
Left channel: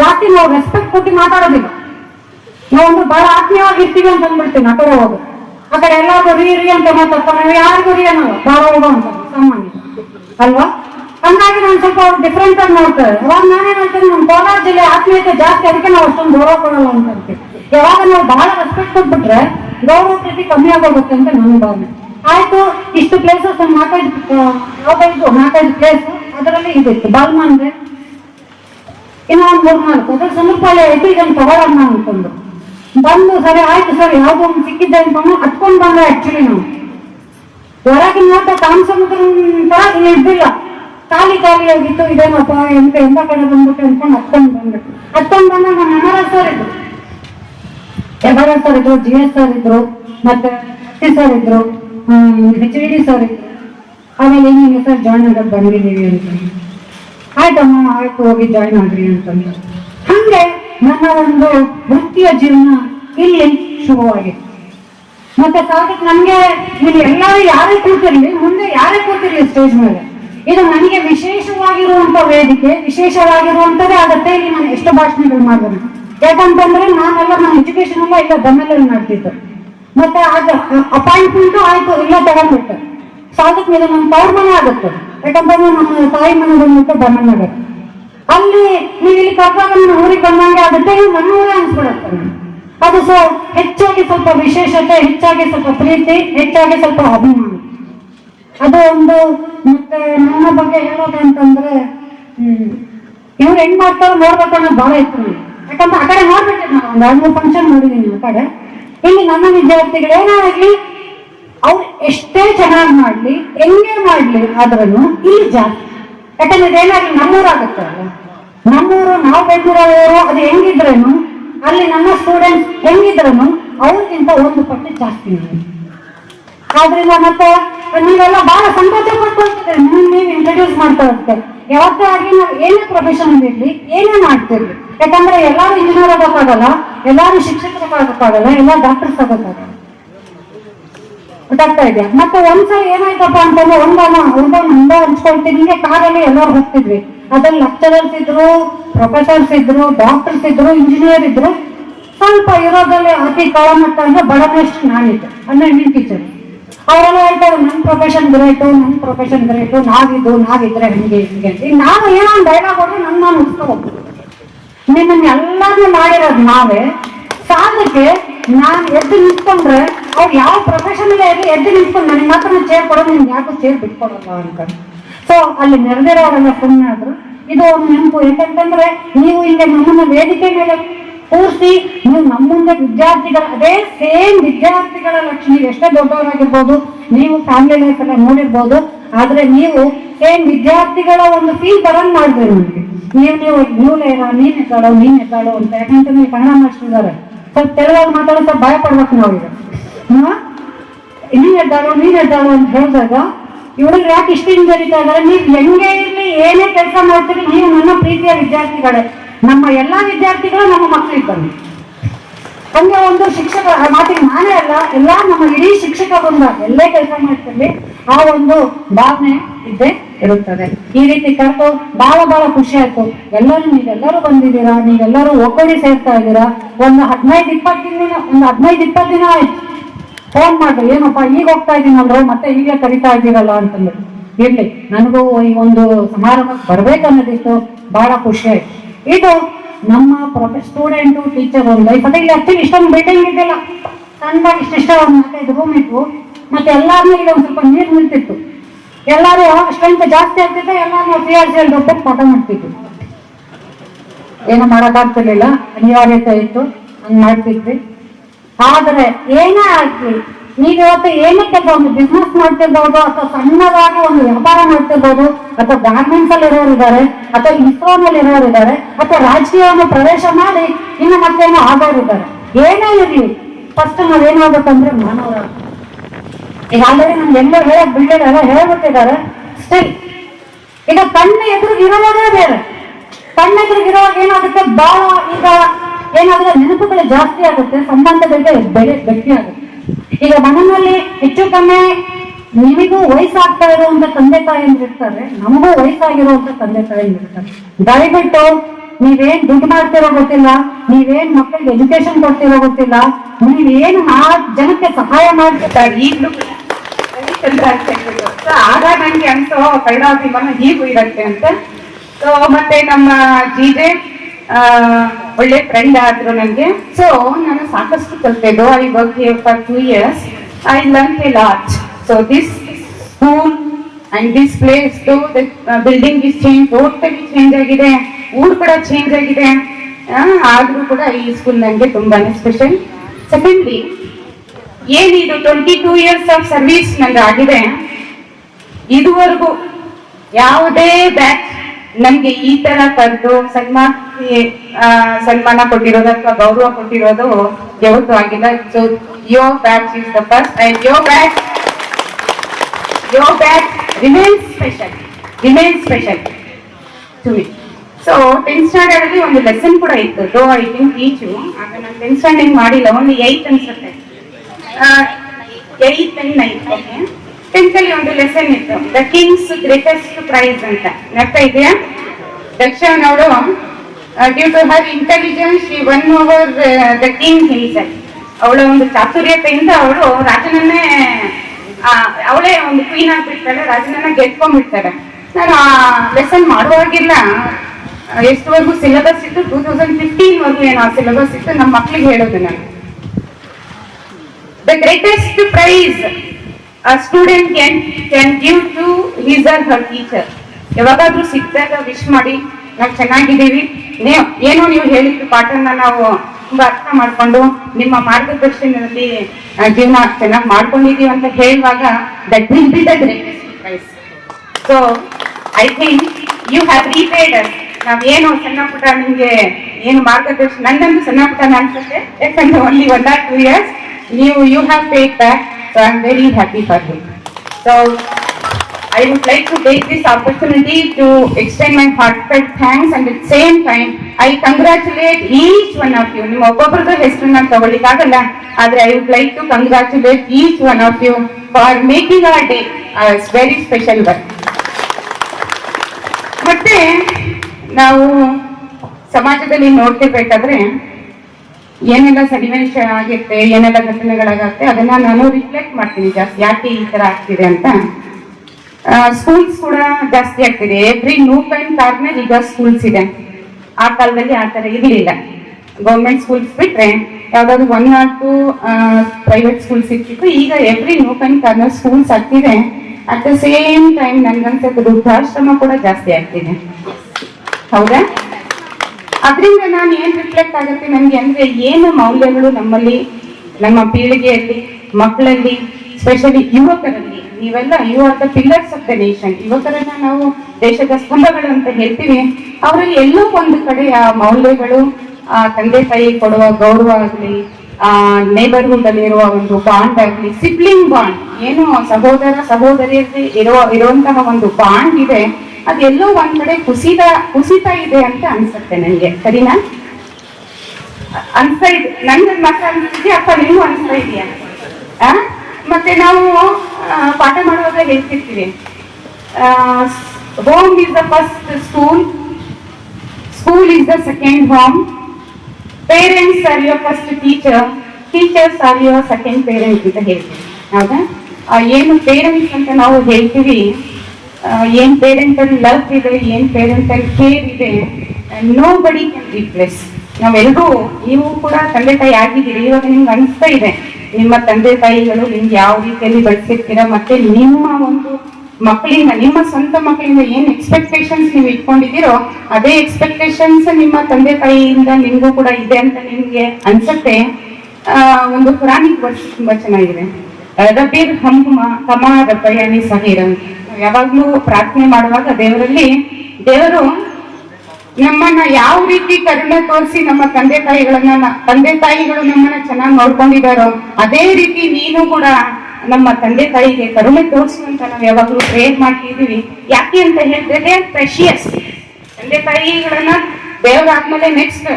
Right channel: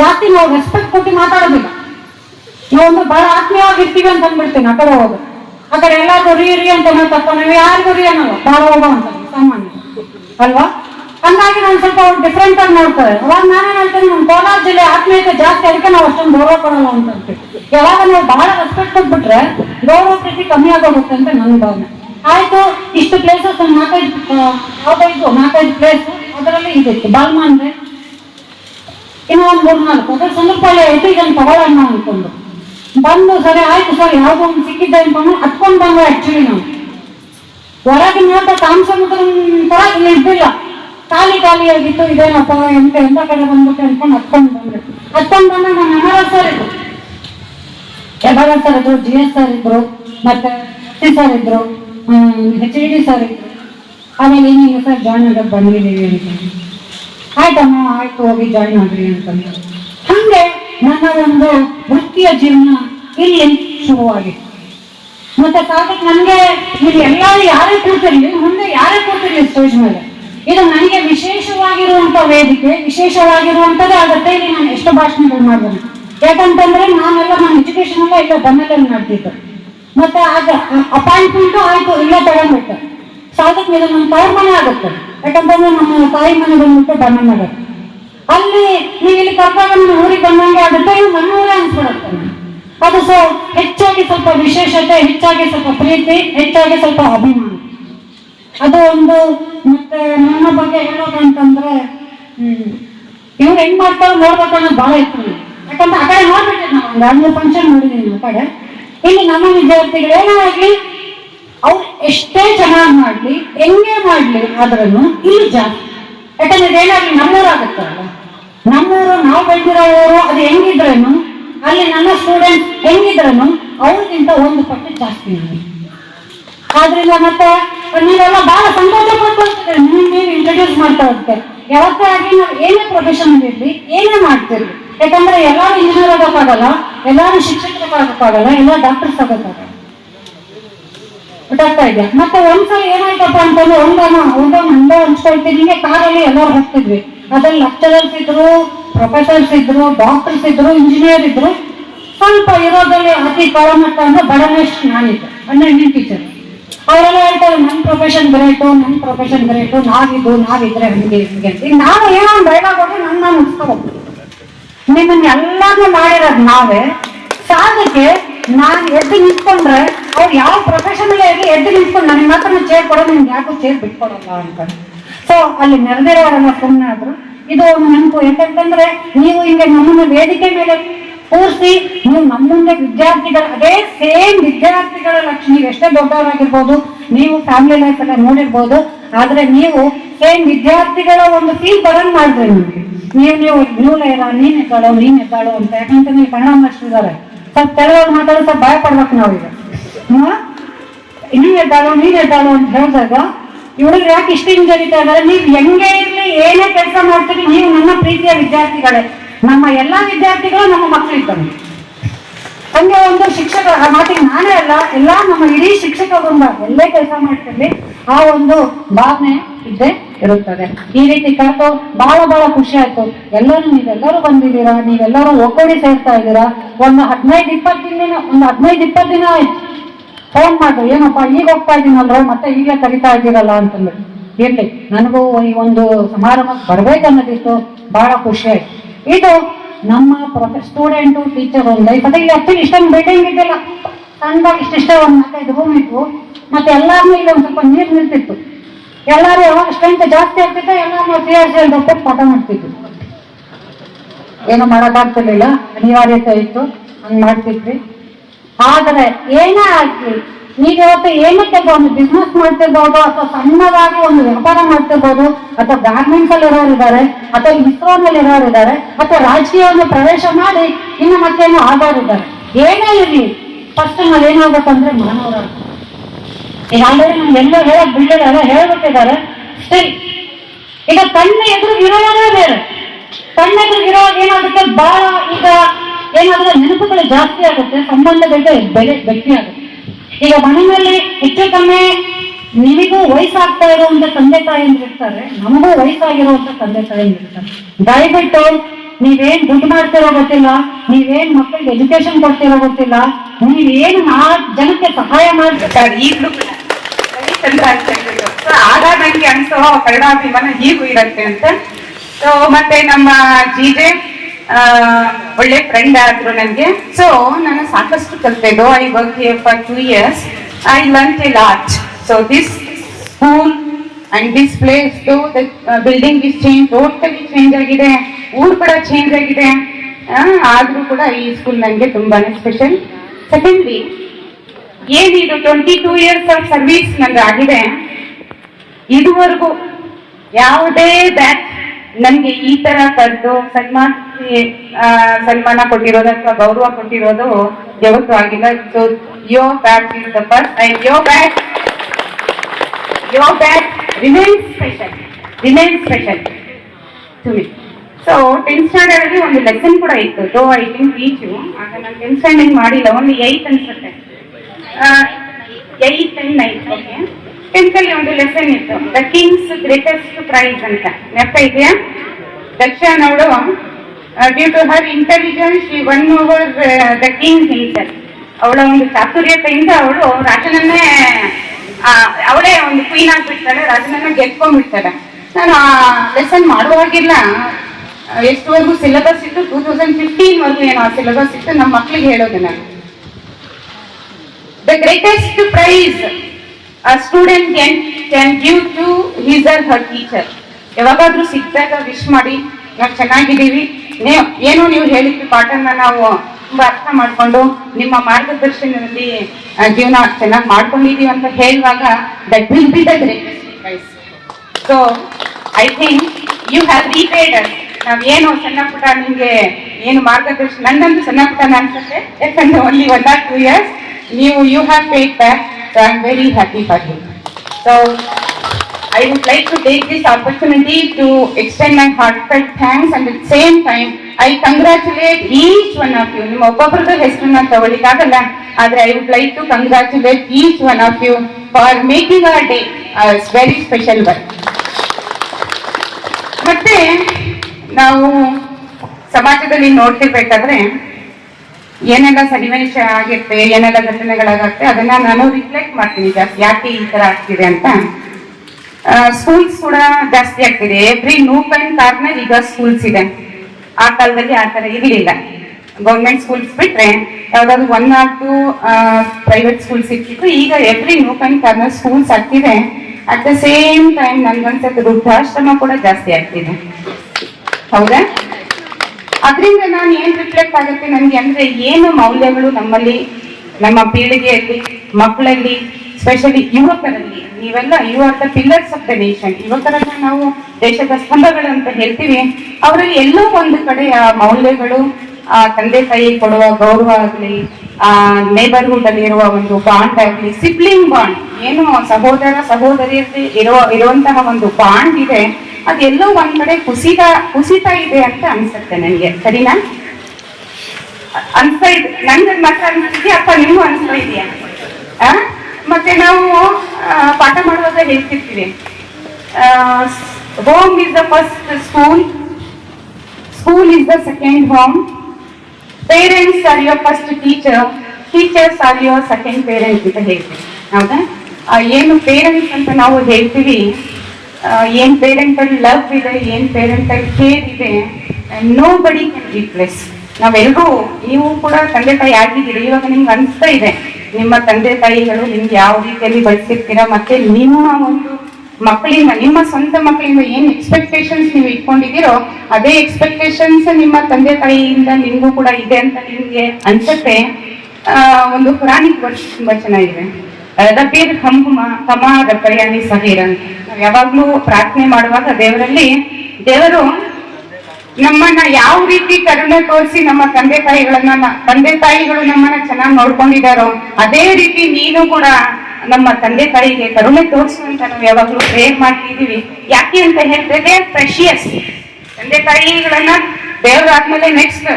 ಜಾಸ್ತಿ ನಾವು ರೆಸ್ಪೆಕ್ಟ್ ಕೊಟ್ಟು ಮಾತಾಡೋದಿಲ್ಲ. ನಾವೊಂದು ಬಹಳ ಆತ್ಮೀಯವಾಗಿರ್ತೀವಿ ಅಂತ ಅಂದ್ಬಿಡ್ತೀನಿ. ಆ ಕಡೆ ಹೋಗೋದು ಆ ಕಡೆ ಎಲ್ಲರಿಗೂ ರೀ ಅಂತ ಮಾತಾಡ್ತಾ ನಾವು ಯಾರಿಗೂ ರೀ ಅನ್ನೋದು ಬಹಳ ಹೋಗೋ ಅಂತ ಸಾಮಾನ್ಯ ಅಲ್ವಾ? ಹಂಗಾಗಿ ನಾನು ಸ್ವಲ್ಪ ಅವ್ರು ಡಿಫ್ರೆಂಟ್ ಆಗಿ ನೋಡ್ತಾರೆ. ಅವಾಗ ನಾನೇನ್ ಹೇಳ್ತೇನೆ, ನಮ್ಮ ಕೋಲಾರ ಜಿಲ್ಲೆ ಆತ್ಮೀಯತೆ ಜಾಸ್ತಿ, ಅದಕ್ಕೆ ನಾವು ಅಷ್ಟೊಂದು ಗೌರವ ಕೊಡಲ್ಲ ಅಂತ ಅಂತೀವಿ. ಯಾವಾಗ ನಾವು ಬಹಳ ರೆಸ್ಪೆಕ್ಟ್ ಕೊಟ್ಬಿಟ್ರೆ ಗೌರವ ಪ್ರೀತಿ ಕಮ್ಮಿ ಆಗೋಗುತ್ತೆ ಅಂತ ನನ್ನ ಭಾವನೆ. ಆಯ್ತು, ಇಷ್ಟು ಪ್ಲೇಸಸ್ 4-5 ಪ್ಲೇಸ್ ಅದರಲ್ಲಿ ಇದಿತ್ತು. ಬಾಲ್ಮಾನ್ರೆ ಇನ್ನೂ ಒಂದು 3-4 ಅದ್ರ ಸುಂದರಪಾಳ್ಯ ಆಯ್ತು. ಇದನ್ನು ತಗೊಳ್ಳೋಣ ಅನ್ಕೊಂಡು ಬಂದು ಸರಿ ಆಯ್ತು ಸರ್ ಯಾವ್ದೋ ಒಂದು ಸಿಕ್ಕಿದ್ದೆ ಅನ್ಕೊಂಡು ಹತ್ಕೊಂಡು ಬಂದ. ಆಕ್ಚುಲಿ ನಾವು ಹೊರಗೆ ನೋಡ್ತಾ ಕಾಮಸಮುದ್ರ ತರ ಇಲ್ಲಿ ಇದ್ದಿಲ್ಲ, ಖಾಲಿಯಾಗಿತ್ತು. ಇದೇನಪ್ಪ ಎಂತ ಕಡೆ ಬಂದ್ಬಿಟ್ಟು ಅನ್ಕೊಂಡು ಹತ್ಕೊಂಡು ಬಂದಾಗ ನಮ್ಮ ಮನೋರಾಜ್ ಸರ್ ಇದ್ರು, ಎಬರಾಜ್ ಸರ್ ಇದ್ರು, GS ಸರ್ ಇದ್ರು, ಮತ್ತೆ ಸರ್ ಇದ್ರು, HED ಸರ್ ಇದ್ರು. ಆಮೇಲೆ ಏನಿಲ್ಲ ಸರ್ ಜಾಯ್ನ್ ಆಗೋದು ಬಂದಿದ್ದೀವಿ ಅಂತ. ಆಯ್ತಮ್ಮ ಆಯ್ತು ಹೋಗಿ ಜಾಯ್ನ್ ಆಗ್ರಿ ಅಂತಂದ್ರೆ ಹಂಗೆ ನನ್ನ ಒಂದು ವೃತ್ತಿಯ ಜೀವನ ಇಲ್ಲಿ ಶುರುವಾಗಿತ್ತು. ಮತ್ತೆ ಸಾಕಕ್ಕೆ ನನಗೆ ಇಲ್ಲಿ ಎಲ್ಲರೂ ಯಾರೇ ಕೂತಿರ್ಲಿ, ಮುಂದೆ ಯಾರೇ ಕೂತಿರ್ಲಿ ಸ್ಟೇಜ್ ಮೇಲೆ, ಇದು ನನಗೆ ವಿಶೇಷವಾಗಿರುವಂತ ವೇದಿಕೆ, ವಿಶೇಷವಾಗಿರುವಂತದೇ ಆಗತ್ತೆ. ಇಲ್ಲಿ ನಾನು ಎಷ್ಟು ಭಾಷಣಗಳು ಮಾಡಿದ್ದೇನೆ. ಯಾಕಂತಂದ್ರೆ ನಾನೆಲ್ಲ ನಮ್ಮ ಎಜುಕೇಶನ್ ಎಲ್ಲ ಇಲ್ಲ ಬೆನ್ನಲ್ಲೇ ಮಾಡ್ತಿದ್ದೆ. ಮತ್ತೆ ಆಗ ಅಪಾಯಿಂಟ್ಮೆಂಟು ಆಯ್ತು ಇಲ್ಲೇ ತಗೊಂಡ್ಬಿಟ್ಟೆ. ಸಾಕಕ್ಕೆ ಮೇಲೆ ನಮ್ಮ ತವ್ರ ಮನೆ ಆಗುತ್ತೆ. ಯಾಕಂತಂದ್ರೆ ನಮ್ಮ ತಾಯಿ ಮನೆ ಬಂದ್ಬಿಟ್ಟು ಬೆನ್ನಲ್ ಆಗುತ್ತೆ. ಅಲ್ಲಿ ನೀವು ಇಲ್ಲಿ ಕರ್ಕೊಂಡು ನನ್ನ ಊರಿಗೆ ಬಂದಂಗೆ ಆಗುತ್ತೆ, ಇದು ನನ್ನ ಊರೇ ಅನ್ಸ್ಬಿಡುತ್ತೆ. ಅದು ಹೆಚ್ಚಾಗಿ ಸ್ವಲ್ಪ ವಿಶೇಷತೆ, ಹೆಚ್ಚಾಗಿ ಸ್ವಲ್ಪ ಪ್ರೀತಿ, ಹೆಚ್ಚಾಗಿ ಸ್ವಲ್ಪ ಅಭಿಮಾನ, ಅದು ಒಂದು. ಮತ್ತೆ ನನ್ನ ಬಗ್ಗೆ ಹೇಳೋದಂತಂದ್ರೆ ಇವ್ರು ಹೆಂಗ್ ಮಾಡ್ತಾವ ನೋಡ್ಬೇಕು ಅನ್ನೋದು ಬಹಳ ಇತ್ತು. ಯಾಕಂದ್ರೆ ಆ ಕಡೆ ನೋಡ್ಬಿಟ್ಟಿದ್ ನಾವು ಒಂದು 2-3 ಫಂಕ್ಷನ್ ನೋಡಿದೀನಿ ಆ ಕಡೆ. ಇಲ್ಲಿ ನನ್ನ ವಿದ್ಯಾರ್ಥಿಗಳು ಏನೇ ಆಗ್ಲಿ, ಅವ್ರು ಎಷ್ಟೇ ಚೆನ್ನಾಗಿ ಮಾಡ್ಲಿ, ಹೆಂಗೆ ಮಾಡ್ಲಿ, ಆದ್ರೂ ಇಲ್ಲಿ ಜಾಸ್ತಿ. ಯಾಕಂದ್ರೆ ಇದೇನಾಗ್ಲಿ ನಮ್ಮೂರಾಗುತ್ತೆ ಅಲ್ಲ, ನಮ್ಮೂರು, ನಾವು ಬೆಳೆದಿರೋ ಊರು, ಅದು ಹೆಂಗಿದ್ರೇನು ಅಲ್ಲಿ ನಮ್ಮ ಸ್ಟೂಡೆಂಟ್ಸ್ ಹೆಂಗಿದ್ರೇನು ಅವ್ರಿಗಿಂತ 1 ಪಟ್ಟು ಜಾಸ್ತಿ ನೋಡಿ. ಆದ್ರಿಂದ ಮತ್ತೆ ನೀವೆಲ್ಲ ಬಹಳ ಸಂತೋಷ ಪಡ್ಕೊಳ್ತೀರಿ, ನೀವು ಇಂಟ್ರೊಡ್ಯೂಸ್ ಮಾಡ್ತಾ ಹೋಗ್ತಾರೆ. ಯಾವತ್ತೇ ಆಗಿ ನಾವು ಏನೇ ಪ್ರೊಫೆಷನ್ ಇರ್ಲಿ, ಏನೇ ಮಾಡ್ತೀವಿ, ಯಾಕಂದ್ರೆ ಎಲ್ಲಾರು ಇಂಜಿನಿಯರ್ ಆಗೋಕ್ಕಾಗಲ್ಲ, ಎಲ್ಲಾರು ಶಿಕ್ಷಕರಾಗಕ್ಕಾಗಲ್ಲ, ಎಲ್ಲ ಡಾಕ್ಟರ್ಸ್ ಆಗೋಕ್ಕಾಗಲ್ಲ. ಗೊತ್ತಾಗ್ತಾ ಇದೆ. ಮತ್ತೆ ಒಂದ್ಸಲ ಏನಾಯ್ತಪ್ಪ ಅಂತಂದ್ರೆ ಒಂದೇ ಹಂಚ್ಕೊಳ್ತೀನಿ, ಕಾರಲ್ಲಿ ಎಲ್ಲರೂ ಹೋಗ್ತಿದ್ವಿ. ಅದ್ರಲ್ಲಿ ಲೆಕ್ಚರರ್ಸ್ ಇದ್ರು, ಪ್ರೊಫೆಸರ್ಸ್ ಇದ್ರು, ಡಾಕ್ಟರ್ಸ್ ಇದ್ರು, ಇಂಜಿನಿಯರ್ ಇದ್ರು. ಸ್ವಲ್ಪ ಇರೋದ್ರಲ್ಲಿ ಅತಿ ಕಾಳಮಟ್ಟ ಅಂದ್ರೆ ಬಡಮೇಶ್ ನಾನಿದ್ದೆ, ಅಂದ್ರೆ ಇಂಡಿಯನ್ ಟೀಚರ್. ಅವರೆಲ್ಲ ಹೇಳ್ತಾರೆ ನನ್ನ ಪ್ರೊಫೆಷನ್ ಗ್ರೇಟು, ನಾವಿದ್ರೆ ಹಂಗೆ ಹಿಂಗೆ ಅಂತ. ಈಗ ನಾವು ಏನೋ ಒಂದು ಡೈಲಾಗ್ ಹೊಡೆದು ನಾನು ಉಳಿಸ್ಕೋಬೇಕು. ನಿಮ್ಮನ್ನ ಎಲ್ಲಾನು ಮಾಡಿರೋದು ನಾವೇ. ಸಾಧಕ್ಕೆ ನಾನು ಎದ್ದು ನಿಂತ್ಕೊಂಡ್ರೆ ಅವ್ರು ಯಾವ ಪ್ರೊಫೆಷನ್ ಎಲ್ಲ ಇರಲಿ, ಎದ್ದು ನಿಂತ್ಕೊಂಡು ನನಗೆ ಮಾತ್ರ ಚೇರ್ ಕೊಡೋದು, ನಿಮ್ಗೆ ಯಾಕೋ ಚೇರ್ ಬಿಟ್ಕೊಡಲ್ಲ ಅಂತ. ಸೊ ಅಲ್ಲಿ ನೆರೆದಿರೋರೆಲ್ಲ ಸುಮ್ಮನೆ ಆದ್ರು. ಇದು ಒಂದು ನೆನಪು. ಯಾಕಂತಂದ್ರೆ ನೀವು ಹಿಂಗೆ ನಮ್ಮನ್ನ ವೇದಿಕೆ ಮೇಲೆ ಕೂರಿಸಿ, ನೀವು ನಮ್ಮ ಮುಂದೆ ವಿದ್ಯಾರ್ಥಿಗಳ, ಅದೇ ಸೇಮ್ ವಿದ್ಯಾರ್ಥಿಗಳ ಲಕ್ಷಣ, ನೀವು ಎಷ್ಟೇ ದೊಡ್ಡವರಾಗಿರ್ಬೋದು, ನೀವು ಫ್ಯಾಮಿಲಿ ಲೈಫ್ ಎಲ್ಲ ನೋಡಿರ್ಬೋದು, ಆದ್ರೆ ನೀವು ಸೇಮ್ ವಿದ್ಯಾರ್ಥಿಗಳ ಒಂದು ಫೀಲ್ ಬರಂಗ್ ಮಾಡಿದ್ರಿ ನಿಮಗೆ. ನೀವು ನೀನ್ ಎದ್ದಾಳು ಅಂತ. ಯಾಕಂತ ನೀವು ಕನ್ನಡ ಮಾಸ್ಟರ್ ಇದ್ದಾರೆ, ಸ್ವಲ್ಪ ತೆಲುಗಾಗಿ ಮಾತಾಡೋ ಸ್ವಲ್ಪ ಭಯ ಪಡ್ಬೇಕು ನಾವೀಗ. ನೀನ್ ಎದ್ದಾಳು ಅಂತ ಹೇಳಿದಾಗ ಇವ್ರಿಗೆ ಯಾಕೆ ಇಷ್ಟು ಹಿಂಜರಿತಾ ಇದ್ದಾರೆ? ನೀವು ಹೆಂಗೆ ಇರ್ಲಿ, ಏನೇ ಕೆಲಸ ಮಾಡ್ತೀರಿ, ನೀವು ನನ್ನ ಪ್ರೀತಿಯ ವಿದ್ಯಾರ್ಥಿಗಳೇ. ನಮ್ಮ ಎಲ್ಲಾ ವಿದ್ಯಾರ್ಥಿಗಳು ನಮ್ಮ ಮಕ್ಕಳಿದ್ದಾರೆ. ಹಂಗೆ ಒಂದು ಶಿಕ್ಷಕ, ಆ ಮಾತಿಗೆ ನಾನೇ ಅಲ್ಲ, ಎಲ್ಲ ನಮ್ಮ ಇಡೀ ಶಿಕ್ಷಕ ವೃಂದ ಎಲ್ಲೇ ಕೆಲಸ ಮಾಡ್ತೀವಿ, ಆ ಒಂದು ಭಾವನೆ ಇದ್ದೇ ಇರುತ್ತದೆ. ಈ ರೀತಿ ಕರೆದು ಬಹಳ ಖುಷಿ ಆಯ್ತು. ನೀವೆಲ್ಲರೂ ಬಂದಿದ್ದೀರಾ, ನೀವೆಲ್ಲರೂ ಒಗ್ಗೂಡಿ ಸೇರ್ತಾ ಇದ್ದೀರಾ. ಒಂದು 15-20 ದಿನ ಆಯ್ತು ಫೋನ್ ಮಾಡ್ರಿ, ಏನಪ್ಪಾ ಈಗ ಹೋಗ್ತಾ ಇದ್ದೀನಲ್ರ, ಮತ್ತೆ ಈಗಲೇ ಕರಿತಾ ಇದ್ದೀರಲ್ಲ ಅಂತಂದ್ಬಿಟ್ಟು. ಇರ್ಲಿ, ನನಗೂ ಈ ಒಂದು ಸಮಾರಂಭಕ್ಕೆ ಬರ್ಬೇಕನ್ನೋದಿತ್ತು, ಬಹಳ ಖುಷಿ ಆಯ್ತು. ಇದು ನಮ್ಮ ಸ್ಟೂಡೆಂಟು ಟೀಚರ್ ಒಂದು ಲೈಫ್. ಅದೇ ಇಲ್ಲಿ ಆಕ್ಚುಲಿ ಇಷ್ಟೊಂದು ಬಿಲ್ಡಿಂಗ್ ಇದ್ದಿಲ್ಲ, ಸಣ್ಣದಾಗಿ ಇಷ್ಟ ಒಂದು 4-5 ರೂಮ್ ಇತ್ತು. ಮತ್ತೆ ಎಲ್ಲಾರನ್ನೂ ಇಲ್ಲಿ ಒಂದು ಸ್ವಲ್ಪ ನೀರು ನಿಲ್ತಿತ್ತು. ಎಲ್ಲಾರು ಯಾವಾಗ ಸ್ಟ್ರೆಂತ್ ಜಾಸ್ತಿ ಆಗ್ತಿದ್ದ ಎಲ್ಲಾರನ್ನೂ CRC ಹೋಗ್ಬಿಟ್ಟು ಪಾಠ ಮಾಡ್ತಿದ್ವಿ. ಏನು ಮಾಡೋಕ್ಕಾಗ್ತಿರ್ಲಿಲ್ಲ, ಅನಿವಾರ್ಯತೆ ಇತ್ತು, ಹಂಗ್ ಮಾಡ್ತಿದ್ವಿ. ಆದ್ರೆ ಏನೇ ಆಗ್ಲಿ, ನೀವಿವತ್ತು ಏನಕ್ಕೆ ಒಂದು ಬಿಸ್ನೆಸ್ ಮಾಡ್ತಿರ್ಬೋದು, ಅಥವಾ ಸಣ್ಣದಾಗಿ ಒಂದು ವ್ಯಾಪಾರ ಮಾಡ್ತಿರ್ಬೋದು, ಅಥವಾ ಗಾರ್ಮೆಂಟ್ಸ್ ಅಲ್ಲಿ ಇರೋರಿದ್ದಾರೆ, ಅಥವಾ ಇಸ್ರೋನಲ್ಲಿ ಇರೋರಿದ್ದಾರೆ, ಅಥವಾ ರಾಜಕೀಯವನ್ನು ಪ್ರವೇಶ ಮಾಡಿ ಇನ್ನು ಮತ್ತೇನೋ ಆಗೋರಿದ್ದಾರೆ. ಏನೇ ಇರಲಿ, ಫಸ್ಟ್ ನಾವು ಏನಾಗಬೇಕಂದ್ರೆ ಮಾನವರ. ಈಗ ಆಲ್ರೆಡಿ ನಮ್ಗೆ ಎಲ್ಲ ಹೇಳಕ್ ಬಿಡಲ್ಲ, ಹೇಳ್ಬಿಟ್ಟಿದ್ದಾರೆ. ಸ್ಟಿಲ್ ಈಗ ಕಣ್ಣ ಎದುರು ಇರೋದೇ ಬೇರೆ. ಕಣ್ಣ ಎದುರು ಇರೋವಾಗ ಏನಾಗುತ್ತೆ, ಬಹಳ ಈಗ ಏನಾದ್ರೆ ನೆನಪುಗಳು ಜಾಸ್ತಿ ಆಗುತ್ತೆ, ಸಂಬಂಧಗಳಿಗೆ ಬೆಲೆ ಗಟ್ಟಿ ಆಗುತ್ತೆ. ಈಗ ಮನೆಯಲ್ಲಿ ಹೆಚ್ಚು ಕಮ್ಮಿ ನಿಮಗೂ ವಯಸ್ಸಾಗ್ತಾ ಇರುವಂತ ತಂದೆ ತಾಯಿಯಂದ್ರು ಇರ್ತಾರೆ, ನಮಗೂ ವಯಸ್ಸಾಗಿರುವಂತ ತಂದೆ ತಾಯಿಯಂದ್ರು ಇರ್ತಾರೆ. ದಯವಿಟ್ಟು ನೀವೇನ್ ದುಡ್ಡು ಮಾಡ್ತಿರೋ ಗೊತ್ತಿಲ್ಲ, ನೀವೇನ್ ಮಕ್ಕಳಿಗೆ ಎಜುಕೇಶನ್ ಕೊಡ್ತಿರೋ ಗೊತ್ತಿಲ್ಲ, ನೀವೇನು ಜನಕ್ಕೆ ಸಹಾಯ ಮಾಡ್ತಿರ್ತಾರೆ. ಈಗಲೂ ಆಗ ನಂಗೆ ಅನ್ಸೋ ಕನ್ನಡಾಭಿಮಾನ ಹೀಗೂ ಇರತ್ತೆ ಅಂತ. ಸೊ ಮತ್ತೆ ನಮ್ಮ ಜೀಜೆ ಒಳ್ಳೆ ಫ್ರೆಂಡ್ ಆದ್ರು ನನಗೆ. ಸೊ ನಾನು ಸಾಕಷ್ಟು ಕಲ್ತಿದ್ದು. I work here for 2 years. I learnt a lot. So this school and this place, though the building is changed, totally change ಆಗಿದೆ, ಊರು ಕೂಡ ಚೇಂಜ್ ಆಗಿದೆ, ಆದ್ರೂ ಕೂಡ ಈ ಸ್ಕೂಲ್ ನನಗೆ ತುಂಬಾನೇ ಸ್ಪೆಷಲ್. ಸೆಕೆಂಡ್ಲಿ, ಏನಿದು 22 years ಆಫ್ ಸರ್ವಿಸ್ ನಂಗೆ ಆಗಿದೆ. ಇದುವರೆಗೂ ಯಾವುದೇ ಬ್ಯಾಚ್ ನನ್ಗೆ ಈ ತರ ಕರೆದು ಸನ್ಮಾನ ಕೊಟ್ಟಿರೋದು ಅಥವಾ ಗೌರವ ಕೊಟ್ಟಿರೋದು ಯಾವತ್ತೂ ಆಗಿಲ್ಲ. So your batch is the first and your batch remains special to me. So 10th standard ಅಲ್ಲಿ ಒಂದು ಲೆಸನ್ ಕೂಡ ಇತ್ತು. So I can teach you. ಆಗ ನಾನು 10th ಸ್ಟ್ಯಾಂಡರ್ಡ್ ಮಾಡಿಲ್ಲ, ಒಂದು 8th ಅನ್ಸುತ್ತೆ, 8th and 9th. Okay, 10th ಅಲ್ಲಿ ಒಂದು ಲೆಸನ್ ಇತ್ತು, ದ ಕಿಂಗ್ಸ್ ಗ್ರೇಟೆಸ್ಟ್ ಪ್ರೈಸ್ ಅಂತ. ನೆನಪ ಇದೆಯಾ? ದಕ್ಷಿಣ ಅವಳು due to her intelligence she won over the king himself. ಅವಳ ಒಂದು ಚಾತುರ್ಯತೆಯಿಂದ ಅವಳು ರಾಜನನ್ನೇ, ಅವಳೇ ಒಂದು ಕ್ವೀನ್ ಆಗ್ಬಿಡ್ತಾಳೆ, ರಾಜನನ್ನ ಗೆದ್ಕೊಂಡ್ಬಿಡ್ತಾಳೆ. ನಾನು ಆ ಲೆಸನ್ ಮಾಡುವಾಗಿಲ್ಲ ಎಷ್ಟುವರೆಗೂ ಸಿಲೆಬಸ್ ಇತ್ತು 2015 ವರೆಗೂ ಏನೋ ಆ ಸಿಲೆಬಸ್ ಇತ್ತು. ನಮ್ಮ ಮಕ್ಳಿಗೆ ಹೇಳೋದು ನಾನು, the greatest prize a student can give to his or her teacher. ಯಾವಾಗಾದ್ರೂ ಸಿಕ್ಕಾಗ ವಿಶ್ ಮಾಡಿ ನಾವು ಚೆನ್ನಾಗಿದ್ದೀವಿ, ಏನೋ ನೀವು ಹೇಳಿದ್ದು ಪಾಠನ ನಾವು ತುಂಬಾ ಅರ್ಥ ಮಾಡ್ಕೊಂಡು ನಿಮ್ಮ ಮಾರ್ಗದರ್ಶನದಲ್ಲಿ ಜೀವನ ಚೆನ್ನಾಗಿ ಮಾಡ್ಕೊಂಡಿದೀವಿ ಅಂತ ಹೇಳುವಾಗ that will be the greatest prize. So I think you have repaid us. ನಾವೇನು ಸಣ್ಣ ಪುಟ್ಟ ನಿಮ್ಗೆ ಏನು ಮಾರ್ಗದರ್ಶನ, ನನ್ನಂತೂ ಸಣ್ಣ ಪುಟ್ಟ ಅನ್ಸುತ್ತೆ, ಯಾಕಂದ್ರೆ only 1 or 2 years you have paid back. So I am very happy for you. So I would like to take this opportunity to extend my heartfelt thanks, and at the same time I congratulate each one of you. ನಿಮ್ಮ ಒಬ್ಬೊಬ್ಬರದ ಹೆಸರನ್ನ ತಗೊಳ್ಳಿಕ್ಕಾಗಲ್ಲ, ಆದ್ರೆ I would like to congratulate each one of you for making our day a very special one. ಮತ್ತೆ ನಾವು ಸಮಾಜದಲ್ಲಿ ನೋಡ್ತಿರ್ಬೇಕಾದ್ರೆ ಏನೆಲ್ಲ ಸನ್ನಿವೇಶ ಆಗಿರುತ್ತೆ, ಏನೆಲ್ಲ ಘಟನೆಗಳಾಗತ್ತೆ, ಅದನ್ನ ನಾನು ರಿಫ್ಲೆಕ್ಟ್ ಮಾಡ್ತೀನಿ ಜಾಸ್ತಿ, ಯಾಕೆ ಈ ತರ ಆಗ್ತಿದೆ ಅಂತ. ಸ್ಕೂಲ್ಸ್ ಕೂಡ ಜಾಸ್ತಿ ಆಗ್ತಿದೆ. ಎವ್ರಿ ನೂಕ್ ಅಂಡ್ ಕಾರ್ನರ್ ಈಗ ಸ್ಕೂಲ್ಸ್ ಇದೆ. ಆ ಕಾಲದಲ್ಲಿ ಆ ತರ ಇರ್ಲಿಲ್ಲ. ಗೌರ್ಮೆಂಟ್ ಸ್ಕೂಲ್ಸ್ ಬಿಟ್ರೆ ಯಾವ್ದಾದ್ರು 1 or 2 ಪ್ರೈವೇಟ್ ಸ್ಕೂಲ್ಸ್ ಇರ್ತಿತ್ತು. ಈಗ every Nook and corner schools ಆಗ್ತಿದೆ. ಅಟ್ ದ ಸೇಮ್ ಟೈಮ್ ನನ್ಗನ್ಸುತ್ತೆ ವೃದ್ಧಾಶ್ರಮ ಕೂಡ ಜಾಸ್ತಿ ಆಗ್ತಿದೆ. ಹೌದಾ? ಅದರಿಂದ ನಾನು ಏನ್ ರಿಫ್ಲೆಕ್ಟ್ ಆಗುತ್ತೆ ನನಗೆ ಅಂದ್ರೆ, ಏನು ಮೌಲ್ಯಗಳು ನಮ್ಮಲ್ಲಿ, ನಮ್ಮ ಪೀಳಿಗೆಯಲ್ಲಿ, ಮಕ್ಕಳಲ್ಲಿ, ಸ್ಪೆಷಲಿ ಯುವಕರಲ್ಲಿ, ನೀವೆಲ್ಲ you are the pillars of the nation. ಯುವಕರನ್ನ ನಾವು ದೇಶದ ಸ್ತಂಭಗಳು ಅಂತ ಹೇಳ್ತೀವಿ. ಅವರಲ್ಲಿ ಎಲ್ಲೋ ಒಂದು ಕಡೆ ಆ ಮೌಲ್ಯಗಳು, ಆ ತಂದೆ ತಾಯಿ ಕೊಡುವ ಗೌರವ ಆಗಲಿ, ನೇಬರ್ಹುಡ್ ಅಲ್ಲಿ ಇರುವ ಒಂದು ಬಾಂಡ್ ಆಗಲಿ, ಸಿಬ್ಲಿಂಗ್ ಬಾಂಡ್, ಏನು ಸಹೋದರ ಸಹೋದರಿಯಲ್ಲಿ ಇರುವಂತಹ ಒಂದು ಬಾಂಡ್ ಇದೆ, ಅದೆಲ್ಲೋ ಒಂದ್ ಕಡೆ ಕುಸಿತಾ ಇದೆ ಅಂತ ಅನ್ಸುತ್ತೆ ನನಗೆ. ಸರಿನಾ? ಅನ್ಸ್ತಾ ಇದೆ ನನ್ಗೆ ಮಾತ್ರ ಅನ್ಸಿದ್ಯಾ ಅಥವಾ ನಿಮಗೂ ಅನ್ಸ್ತಾ ಇದೆಯಾ? ಮತ್ತೆ ನಾವು ಪಾಠ ಮಾಡುವಾಗ ಹೇಳ್ತಿರ್ತೀವಿ, home is the first school, school is the second home, parents are your first teacher, teachers are your second parents ಅಂತ ಹೇಳ್ತೀವಿ. ಹೌದಾ? ಏನು ಪೇರೆಂಟ್ಸ್ ಅಂತ ನಾವು ಹೇಳ್ತೀವಿ, ಏನ್ ಪೇರೆಂಟಲ್ ಲವ್ ಇದೆ, ಏನ್ ಪೇರೆಂಟಲ್ ಕೇರ್ ಇದೆ, ನೋ ಬಡಿ ಕ್ಯಾನ್ ರಿಪ್ಲೇಸ್. ನಾವೆಲ್ಲರೂ, ನೀವು ಕೂಡ ತಂದೆ ತಾಯಿ ಆಗಿದ್ದೀರಿ. ಇವಾಗ ನಿಮ್ಗೆ ಅನಿಸ್ತಾ ಇದೆ ನಿಮ್ಮ ತಂದೆ ತಾಯಿಗಳು ನಿಮ್ಗೆ ಯಾವ ರೀತಿಯಲ್ಲಿ ಬಳಸಿರ್ತೀರಾ, ಮತ್ತೆ ನಿಮ್ಮ ಒಂದು ಮಕ್ಕಳಿಂದ, ನಿಮ್ಮ ಸ್ವಂತ ಮಕ್ಕಳಿಂದ ಏನ್ ಎಕ್ಸ್ಪೆಕ್ಟೇಷನ್ಸ್ ನೀವು ಇಟ್ಕೊಂಡಿದ್ದೀರೋ ಅದೇ ಎಕ್ಸ್ಪೆಕ್ಟೇಷನ್ಸ್ ನಿಮ್ಮ ತಂದೆ ತಾಯಿಯಿಂದ ನಿಮ್ಗೂ ಕೂಡ ಇದೆ ಅಂತ ನಿಮ್ಗೆ ಅನ್ಸುತ್ತೆ. ಒಂದು ಪುರಾಣಿಕ ವರ್ಷ ತುಂಬಾ ಚೆನ್ನಾಗಿದೆ, ರಬೀರ್ ಹಂಬುಮ ಕಮಾ ರಬ್ಬಯಾನಿ ಸಹೀರ್ ಅಂತ. ನಾವು ಯಾವಾಗ್ಲೂ ಪ್ರಾರ್ಥನೆ ಮಾಡುವಾಗ ದೇವರು ನಮ್ಮನ್ನ ಯಾವ ರೀತಿ ಕರುಣೆ ತೋರಿಸಿ ನಮ್ಮ ತಂದೆ ತಾಯಿಗಳು ನಮ್ಮನ್ನ ಚೆನ್ನಾಗಿ ನೋಡ್ಕೊಂಡಿದ್ದಾರೋ ಅದೇ ರೀತಿ ನೀನು ಕೂಡ ನಮ್ಮ ತಂದೆ ತಾಯಿಗೆ ಕರುಣೆ ತೋರಿಸು ಅಂತ ನಾವು ಯಾವಾಗ್ಲೂ ಪ್ರೇಯರ್ ಮಾಡ್ತಿದೀವಿ. ಯಾಕೆ ಅಂತ ಹೇಳಿದ್ರೆ ಪ್ರೆಷಿಯಸ್. ತಂದೆ ತಾಯಿಗಳನ್ನ ದೇವರಾದ್ಮೇಲೆ ನೆಕ್ಸ್ಟ್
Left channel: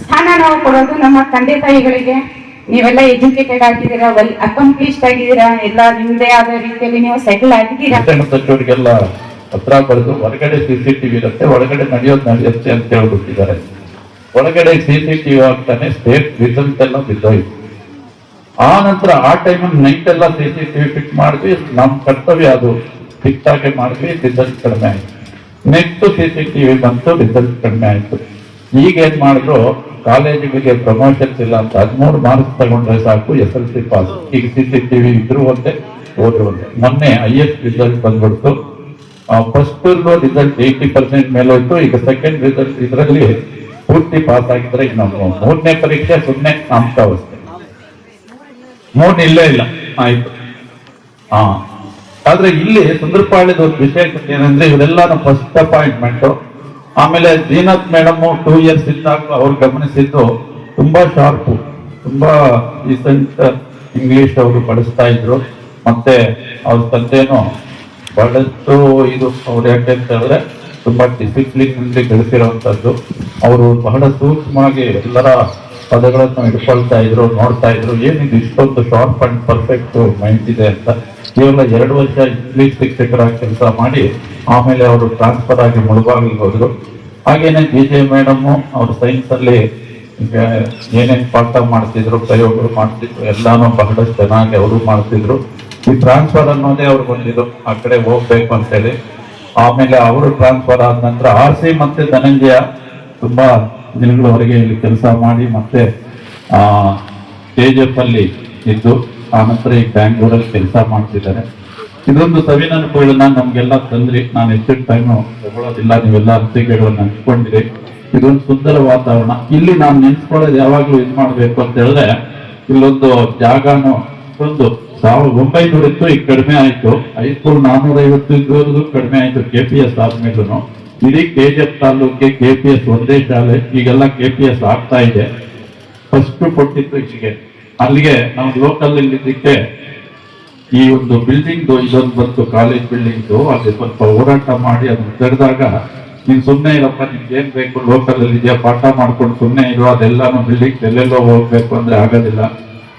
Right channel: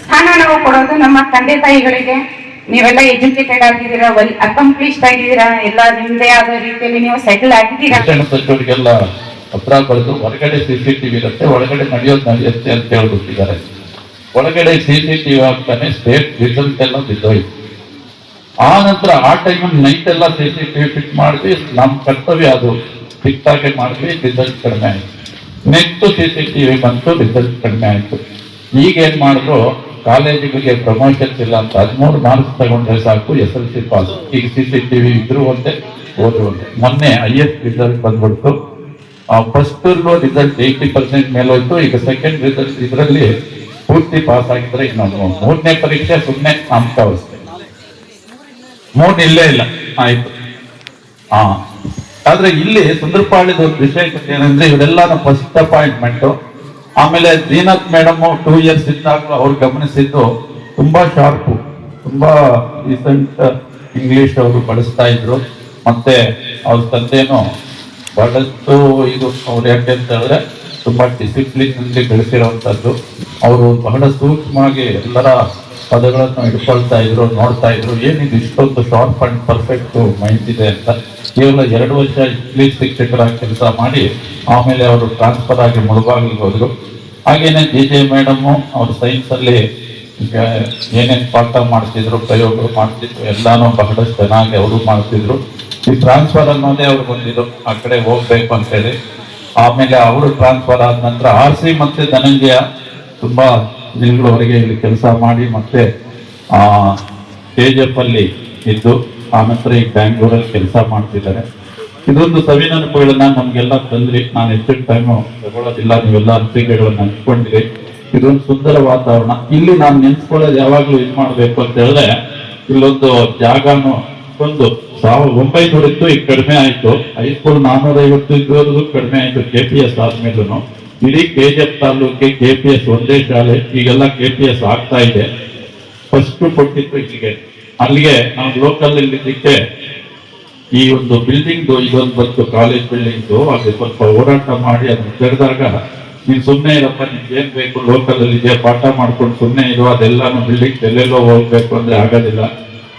ಸ್ಥಾನ ನಾವು ಕೊಡೋದು ನಮ್ಮ ತಂದೆ ತಾಯಿಗಳಿಗೆ. ನೀವೆಲ್ಲ ಎಜುಕೇಟೆಡ್ ಆಗಿದ್ದೀರಾ, ವೆಲ್ ಅಕಂಪ್ಲಿಷ್ಡ್ ಆಗಿದ್ದೀರಾ, ಎಲ್ಲ ನಿಮ್ದೇ ಆದ ರೀತಿಯಲ್ಲಿ ನೀವು ಸೆಟಲ್ ಆಗಿದ್ದೀರಾ. ಸಚಿವರಿಗೆಲ್ಲ ಪತ್ರ ಬರೆದು ಹೊರಗಡೆ CCTV ಇರುತ್ತೆ, ಒಳಗಡೆ ನಡೆಯುತ್ತೆ ಅಂತ ಹೇಳ್ಬಿಟ್ಟಿದ್ದಾರೆ. ಒಳಗಡೆ CCTV ಆಗ್ತಾನೆ ಸ್ಟೇಟ್ ರಿಸಲ್ಟ್ ಎಲ್ಲ ಬಿದ್ದೋಯ್ತು. ಆ ನಂತರ ಆ ಟೈಮಲ್ಲಿ ನೈಟ್ ಎಲ್ಲ CCTV ಫಿಟ್ ಮಾಡಿದ್ವಿ. ನಮ್ಮ ಕರ್ತವ್ಯ ಅದು ಫಿಕ್ಸ್ ಆಗಿ ಮಾಡಿದ್ವಿ, ರಿಸಲ್ಟ್ ಕಡಿಮೆ ಆಯ್ತು. ನೆಕ್ಸ್ಟ್ CCTV ಬಂತು, ರಿಸಲ್ಟ್ ಕಡಿಮೆ ಆಯ್ತು. ಈಗ ಏನ್ ಮಾಡಿದ್ರು, ಕಾಲೇಜುಗಳಿಗೆ ಪ್ರಮೋಷನ್ಸ್ ಇಲ್ಲ ಅಂತ 13 ಮಾರ್ಕ್ಸ್ ತಗೊಂಡ್ರೆ ಸಾಕು SLC ಪಾಸ್. ಈಗ CCTV ಇದ್ರು ಒಂದೇ, ಹೋದ್ರು ಒಂದೇ. ಮೊನ್ನೆ highest ರಿಸಲ್ಟ್ ಬಂದ್ಬಿಡ್ತು. ಫಸ್ಟ್ ರಿಸಲ್ಟ್ 80% ಮೇಲೆ ಹೋಯ್ತು. ಈಗ ಸೆಕೆಂಡ್ ರಿಸಲ್ಟ್ ಇದರಲ್ಲಿ ಪೂರ್ತಿ ಪಾಸ್ ಆಗಿದ್ರೆ ಈಗ ನಾವು 3ನೇ ಪರೀಕ್ಷೆ 0 ನಾಮಕಾವಸ್ಥೆ, 3 ಇಲ್ಲೇ ಇಲ್ಲ ಆಯ್ತು. ಆದ್ರೆ ಇಲ್ಲಿ ಸುಂದರಪಾಳ್ಯದ ಒಂದು ವಿಶೇಷ ಏನಂದ್ರೆ, ಇವರೆಲ್ಲ ಫಸ್ಟ್ ಅಪಾಯಿಂಟ್ಮೆಂಟ್. ಆಮೇಲೆ ಜೀನತ್ ಮೇಡಮ್ 2 years ಇದ್ದಾಗ ಅವ್ರು ಗಮನಿಸಿದ್ದು ತುಂಬಾ ಶಾರ್ಪು, ತುಂಬಾ ರೀಸೆಂಟ್ ಇಂಗ್ಲಿಷ್ ಅವರು ಬಳಸ್ತಾ ಇದ್ರು. ಮತ್ತೆ ಅವ್ರ ತಂದೆನೂ ಬಹಳಷ್ಟು ಇದು ಅವ್ರು ಯಾಕೆ ಅಂತ ಹೇಳಿದ್ರೆ ತುಂಬಾ ಡಿಸಿಪ್ಲಿನ್ ಇಂದ ಬೆಳೆಸಿರುವಂತದ್ದು. ಅವರು ಬಹಳ ಸೂಕ್ಷ್ಮವಾಗಿ ಎಲ್ಲರ ಪದಗಳನ್ನು ಹಿಡ್ಕೊಳ್ತಾ ಇದ್ರು, ನೋಡ್ತಾ ಇದ್ರು. ಏನಿದು ಇಷ್ಟೊಂದು ಶಾರ್ಪ್ ಅಂಡ್ ಪರ್ಫೆಕ್ಟ್ ಮೈಂಡ್ ಇದೆ ಅಂತ. ಕೇವಲ 2 ವರ್ಷ ಇಂಗ್ಲಿಷ್ ಶಿಕ್ಷಕರಾಗಿ ಕೆಲಸ ಮಾಡಿ ಆಮೇಲೆ ಅವರು ಟ್ರಾನ್ಸ್ಫರ್ ಆಗಿ ಮುಳುಬಾಗಿಲಿಗೆ ಹೋದ್ರು. ಹಾಗೇನೆ DJ ಮೇಡಮ್ ಅವ್ರ ಸೈನ್ಸ್ ಅಲ್ಲಿ ಏನೇನು ಪಾಠ ಮಾಡ್ತಿದ್ರು, ಪ್ರಯೋಗಗಳು ಮಾಡ್ತಿದ್ರು, ಎಲ್ಲಾನು ಬಹಳಷ್ಟು ಚೆನ್ನಾಗಿ ಅವರು ಮಾಡ್ತಿದ್ರು. ಈ ಟ್ರಾನ್ಸ್ಫರ್ ಅನ್ನೋದೇ ಅವ್ರು ಬಂದಿದ್ರು, ಆ ಕಡೆ ಹೋಗ್ಬೇಕು ಅಂತ ಹೇಳಿ. ಆಮೇಲೆ ಅವರು ಟ್ರಾನ್ಸ್ಫರ್ ಆದ ನಂತರ RC ಮತ್ತೆ ಧನಂಜಯ ತುಂಬಾ ದಿನಗಳವರೆಗೆ ಇಲ್ಲಿ ಕೆಲಸ ಮಾಡಿ ಮತ್ತೆ KGF ಅಲ್ಲಿ ಇದ್ದು ಆ ನಂತರ ಈ ಬ್ಯಾಂಗ್ಳೂರಲ್ಲಿ ಕೆಲಸ ಮಾಡ್ತಿದ್ದಾರೆ. ಇದೊಂದು ಸವಿನೆನಪುಗಳನ್ನ ನಮ್ಗೆಲ್ಲ ತಂದ್ರಿ. ನಾನು ಹೆಚ್ಚಿನ ಟೈಮು ತಗೊಳ್ಳೋದಿಲ್ಲ, ನೀವೆಲ್ಲ ಅನಿಸಿಕೆಗಳನ್ನ ಹಂಚ್ಕೊಂಡಿರಿ. ಇದೊಂದು ಸುಂದರ ವಾತಾವರಣ. ಇಲ್ಲಿ ನಾವು ನೆನ್ಸ್ಕೊಳ್ಳೋದು ಯಾವಾಗ್ಲೂ ಇದು ಮಾಡ್ಬೇಕು ಅಂತ ಹೇಳಿದ್ರೆ, ಇಲ್ಲೊಂದು ಜಾಗನು ಒಂದು 1900 ಇತ್ತು, ಈಗ ಕಡಿಮೆ ಆಯ್ತು. ಹೈಸ್ಕೂಲ್ 450 ಇದ್ದವರೆಗೂ ಕಡಿಮೆ ಆಯ್ತು. KPS ಆದ್ಮೇಲೂ ಇಡೀ KGF ತಾಲೂಕಿಗೆ KPS ಒಂದೇ ಶಾಲೆ. ಈಗೆಲ್ಲ KPS ಆಗ್ತಾ ಇದೆ. ಫಸ್ಟ್ ಕೊಟ್ಟಿತ್ತು ಇಲ್ಲಿಗೆ. ಅಲ್ಲಿಗೆ ನಾವು ಲೋಕಲ್ ಇಲ್ಲಿದ್ದಕ್ಕೆ ಈ ಒಂದು ಬಿಲ್ಡಿಂಗ್ ಇದೊಂದು ಬಂತು, ಕಾಲೇಜ್ ಬಿಲ್ಡಿಂಗ್. ಅಲ್ಲಿ ಸ್ವಲ್ಪ ಹೋರಾಟ ಮಾಡಿ ಅದನ್ನು ತೆರೆದಾಗ, ನೀನ್ ಸುಮ್ಮನೆ ಇರಪ್ಪ, ನಿಮ್ಗೆ ಏನ್ ಬೇಕು ಲೋಕಲ್ ಅಲ್ಲಿ ಇದೆಯಾ, ಪಾಠ ಮಾಡ್ಕೊಂಡು ಸುಮ್ಮನೆ ಇರೋ, ಅದೆಲ್ಲಾನು ಬಿಲ್ಡಿಂಗ್ ಎಲ್ಲೆಲ್ಲೋ ಹೋಗ್ಬೇಕು ಅಂದ್ರೆ ಆಗೋದಿಲ್ಲ,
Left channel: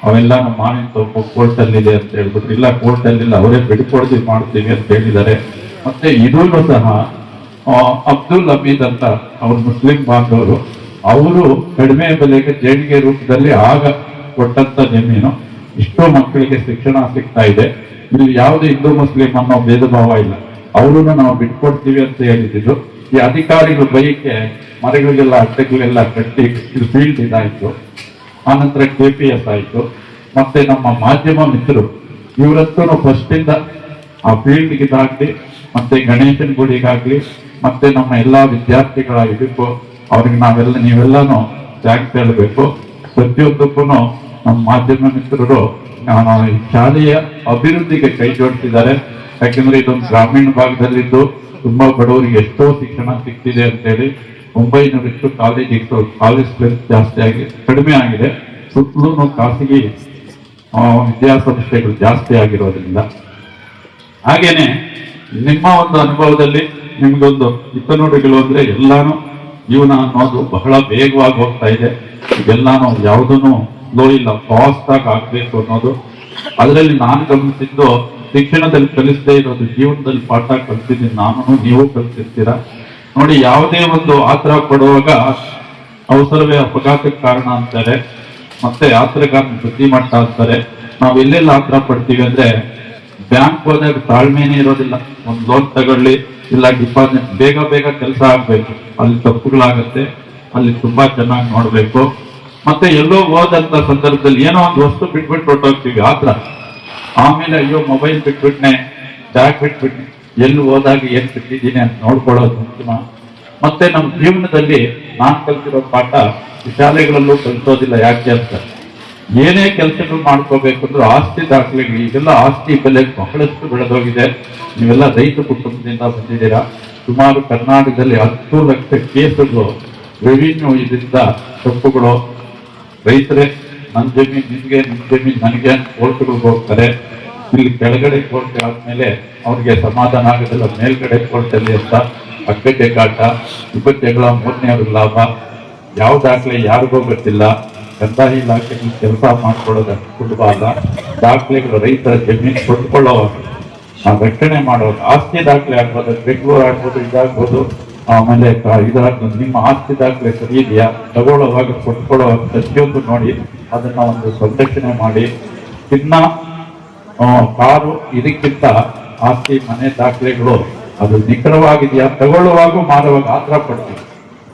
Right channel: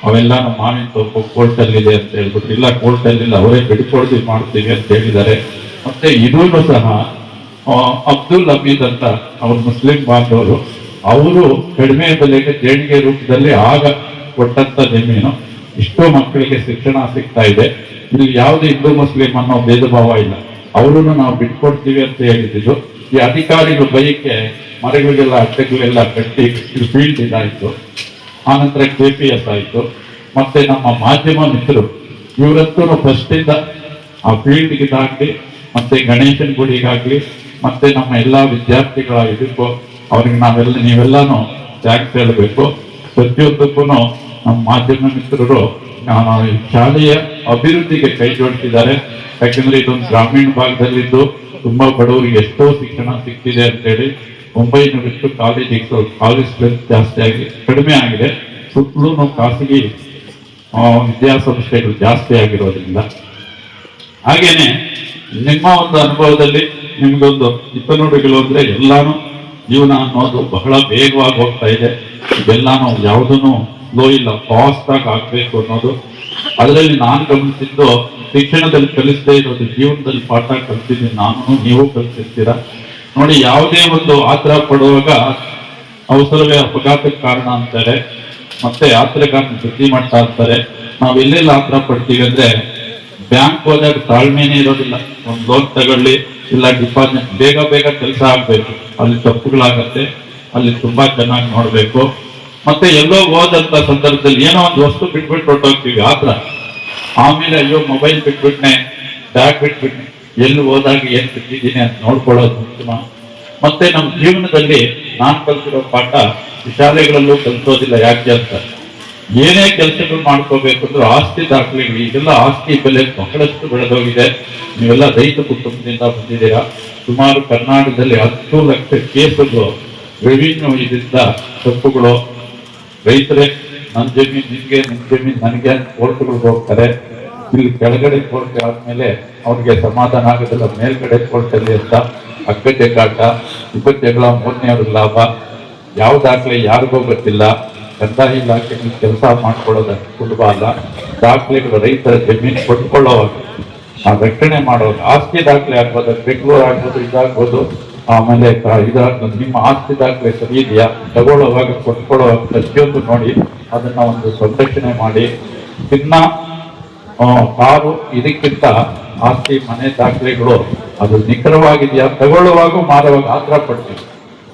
ಅವೆಲ್ಲಾನು ಮಾವಿನ ತೋಪು ಕೋರ್ಟ್ ಅಲ್ಲಿ ಇದೆ ಅಂತ ಹೇಳ್ಬಿಟ್ಟು, ಇಲ್ಲ ಕೋರ್ಟ್ ಅಲ್ಲಿ ಅವರೇ ಬಿಡ್ಕೊಡ್ತೀವಿ ಮಾಡ್ತೀವಿ ಅಂತ ಹೇಳಿದ್ದಾರೆ. ಮತ್ತೆ ಇದೂ ಸಹ ಅಬ್ದುಲ್ ಹಮೀದ್ ಅಂತ ಅವ್ರ ಮುಸ್ಲಿಂ ಬಾಂಧವರು, ಅವರು ಕಡಿಮೆ ಬೆಲೆಗೆ ದೇಣಿಗೆ ರೂಪದಲ್ಲಿ ಆಗ ಕೊಟ್ಟಂತ ಜಮೀನು. ಇಷ್ಟೋ ಮಕ್ಕಳಿಗೆ ಶಿಕ್ಷಣ ಸಿಗ್ತಾ ಇದೆ. ಇಲ್ಲಿ ಯಾವುದೇ ಹಿಂದೂ ಮುಸ್ಲಿಂ ನಮ್ಮ ಭೇದ ಭಾವ ಇಲ್ಲ. ಅವರು ನಾವು ಬಿಟ್ಕೊಡ್ತೀವಿ ಅಂತ ಹೇಳಿದ್ರು. ಈ ಅಧಿಕಾರಿಗಳು ಬೈಕೆ ಮರಗಳಿಗೆಲ್ಲ ಅಡ್ಡಗಳೆಲ್ಲ ಕಟ್ಟಿ ಫೀಲ್ಡ್ ಇದಾಯ್ತು. ಆನಂತರ KPS ಆಯ್ತು. ಮತ್ತೆ ನಮ್ಮ ಮಾಧ್ಯಮ ಮಿತ್ರರು ಇವರಂತೂ ಫಸ್ಟ್ ಇಂದ ಆ ಫೀಲ್ಡ್ಗೆ ಇದಾಗ್ಲಿ, ಮತ್ತೆ ಗಣೇಶನ್ ಗುಡಿಗಾಗ್ಲಿ, ಮತ್ತೆ ನಮ್ಮ ಎಲ್ಲಾ ವಿದ್ಯಾರ್ಥಿಗಳ ಇದಕ್ಕೂ ಅವ್ರಿಗೆ ನೀವೆಲ್ಲಾನು ಥ್ಯಾಂಕ್ಸ್ ಹೇಳಬೇಕು. ಪ್ರತಿಯೊಂದಕ್ಕೂ ನಮ್ಮ ಮಾಧ್ಯಮ ಮಿತ್ರರು ಶಾಲೆಯ ಅಭಿವೃದ್ಧಿಗೆ ಕೈ ಜೋಡಿಸಿದ್ದಾರೆ. ಯಾಕಂದ್ರೆ ಇದೊಂದು ಗ್ರಾಮೀಣ ಭಾಗದಲ್ಲಿದ್ದು ತುಂಬಾ ಬಡವರಿಗೆ ಎಷ್ಟೋ ಶಿಕ್ಷಣ ಸಿಗ್ತಿದೆ ಅಂತ ಹೇಳಿ 900 ಕಾಲೇಜ್ ಜಾಸ್ತಿ ಆಗಿ ಕಡಿಮೆ ಆಗಿದೆ. ಸುತ್ತಲೂ ಖಾಸಗಿ ವಿದ್ಯಾಸಂಸ್ಥೆಗಳು ಜಾಸ್ತಿ ಆಗಿರೋದ್ರಿಂದ. ಹಾಗೇನೆ ನಿಮ್ಮ ಒಂದು ಅನುಭವದಲ್ಲಿ ನಿಮ್ಗೊಂದು ಹಿತನುಡಿಗಳು ಅಂದ್ರೆ ಎಲ್ಲಾನು ಜೀವನ ಅನ್ನೋದು ಬಹಳ ವೇಗವಾಗಿ ಹೋಗ್ತಾ ಇದೆ. ಇದೆಲ್ಲಾನು ಯಾವುದನ್ನು ಸ್ಲೋ ಇಲ್ಲ, ಫಾಸ್ಟ್ ಆಗಿ ಆಗ್ಬೇಕು ಅನ್ನೋದು. ಅದರಲ್ಲಿ ನಾನು ಗಮನಿಸಿದ್ದು, ಶಿಕ್ಷಣದಲ್ಲಿ ಕಲಿಸದೇ ಇರೋದು ಜೀವನದಲ್ಲಿ ಪಾಠ ಕಲಿಸಿದ್ದೀನಿ ನಾನು, ನೀವು ಕಲಿಸಿರ್ತೀರ ನೋಡಿ. ಯಾವುದೇ ಒಂದು ಆತರ ಪಡುವಾಗ ಅವಸರವೇ ಅಪಘಾತಕ್ಕೆ ಕಾರಣ ಅಂತಾರೆ, ಮತ್ತೆ ಯಾತ್ರೆಗಾರನ ಬುದ್ಧಿಮಟ್ಟ ಅಂತಾರೆ. ನಾವು ಎಲ್ಲೆಲ್ಲ ಆತರ ಪಡ್ತೀವಿ ಅಂದ್ರೆ, ಬ್ಯಾಂಕ್ ಹೋದಾಗ ತಾಳ್ಮೆನೇ ಇರೋದಿಲ್ಲ. ಒಂದು ಲೋನ್ ತಗೊಳ್ಳಿ, ಇಲ್ಲ ಡಿಪಾಸಿಟ್, ಬೇಗ ಕೆಲಸ ಆಗ್ಬೇಕು, ಅಲ್ಲಿ ತಪ್ಪುಗಳಾಗತ್ತೆ. ಅಲ್ಲಿ ತುಂಬಾ ಚೆನ್ನಾಗಿ ನೋಡ್ಬೇಕು. ಮತ್ತೆ ಎಲ್ಲೋ ಹೋದಂತ ಸಂದರ್ಭದಲ್ಲಿ ಏನೋ ಒಂದು ವಸ್ತು ಬಿಟ್ಬಿಟ್ಟು ಹೊರಟೋಗ್ತೀವಿ ಆತರ. ಆಮೇಲೆ ಅಯ್ಯೋ ಮೊಬೈಲ್ ಬಿಟ್ಬಿಟ್ನೆ, ಬ್ಯಾಗ್ ಬಿಟ್ಬಿಟ್ನೆ, ಎಲ್ಲಿ ಹೋದಾಗ ಏನ್ ಬಿಟ್ಟಿದ್ದೀನಿ ಅಂತ ನೋಡ್ಕೊಳ್ಳೋದು ಉತ್ತಮ. ಮತ್ತೆ ನಮ್ಮ ಜೀವನದಲ್ಲಿ ನಾನು ಕಲ್ತಿರೋ ಪಾಠ ಶಾಲೆಗಳಲ್ಲೂ ಕಲಿಸೋದಿಲ್ಲ. ಯಾಕೆ ಅಂತ, ಏನೇ ಕೆಲಸಗಳು ಮಾಡ್ಕೋಬೇಕಂದ್ರೂ ಆಸ್ತಿ ದಾಖಲೆಗಳು, ಈಗೆಲ್ಲ ಆಸ್ತಿ ಬೆಲೆ ಬಹಳಷ್ಟು ಬೆಳೆದೋಗಿದೆ. ನೀವೆಲ್ಲ ರೈತ ಕುಟುಂಬದಿಂದ ಬಂದಿದ್ದೀರಾ. ಸುಮಾರು ಕರ್ನಾಟಕದಲ್ಲಿ 10 ಲಕ್ಷ ಕೇಸುಗಳು ರೆವಿನ್ಯೂ ಇದರಿಂದ ತಪ್ಪುಗಳು. ರೈತರೇ ನನ್ನ ಜಮೀನು ನಿನ್ಗೆ, ನಿನ್ ಜಮೀನು ನನಗೆ ಅಂತ ಕೋರ್ಟ್ಗಳಿಗೆ ಹೋಗ್ತಾರೆ. ಇಲ್ಲಿ ಕೆಳಗಡೆ ಕೋರ್ಟ್ ಆದ್ಮೇಲೆ ಅವ್ರಿಗೆ ಸಮಾಧಾನ ಆಗೋದಿಲ್ಲ, ಮೇಲ್ಗಡೆ ಕೋರ್ಟಲ್ಲಿ ಅಂತ ಅಕ್ಕಕ್ಕೆ ಕಾಟ, ಜಗಳ, 3ನೇ ಅವ್ರಿಗೆ ಲಾಭ. ಯಾವ ದಾಖಲೆ ಯಾರಿಗೋ ಗೊತ್ತಿಲ್ಲ. ಕಂದಾಯ ಇಲಾಖೆ ಕೆಲಸ ಮಾಡ್ಕೊಳ್ಳೋದು ಸುಲಭ ಅಲ್ಲ. ದಾಖಲೆಗಳು ರೈತರ ಜಮೀನು ಕೊಂಡ್ಕೊಳ್ಳೋವಾಗ, ನಾವು ರಕ್ಷಣೆ ಮಾಡೋವಾಗ ಆಸ್ತಿ ದಾಖಲೆ ಆಗ್ಬೋದು, ಬೆಂಗಳೂರು ಆಗ್ಬೋದು, ಇದಾಗ್ಬೋದು. ಆಮೇಲೆ ಇದಾಗ್ಬೋದು, ನಿಮ್ಮ ಆಸ್ತಿ ದಾಖಲೆ ಸರಿ ಇದೆಯಾ, ತಗೊಳ್ಳೋವಾಗ ಕೊಂಡ್ಕೊಳ್ಳೋವಾಗ ಪ್ರತಿಯೊಂದು ನೋಡಿ ಅದನ್ನ ಒಂದು ಸಂರಕ್ಷಣೆ ಮಾಡಿ. ಇನ್ನ ಕಾರು ಇದಕ್ಕಿಂತ ಆಸ್ತಿ ಮನೆ ದಾಖಲೆಗಳು ಅದು ನಿಖರವಾಗಿದೆಯಾ, ತಗೊಳ್ಳುವಾಗ ಮಾರುವಾಗ ಆತರ ಪಡ್ತೀವಿ.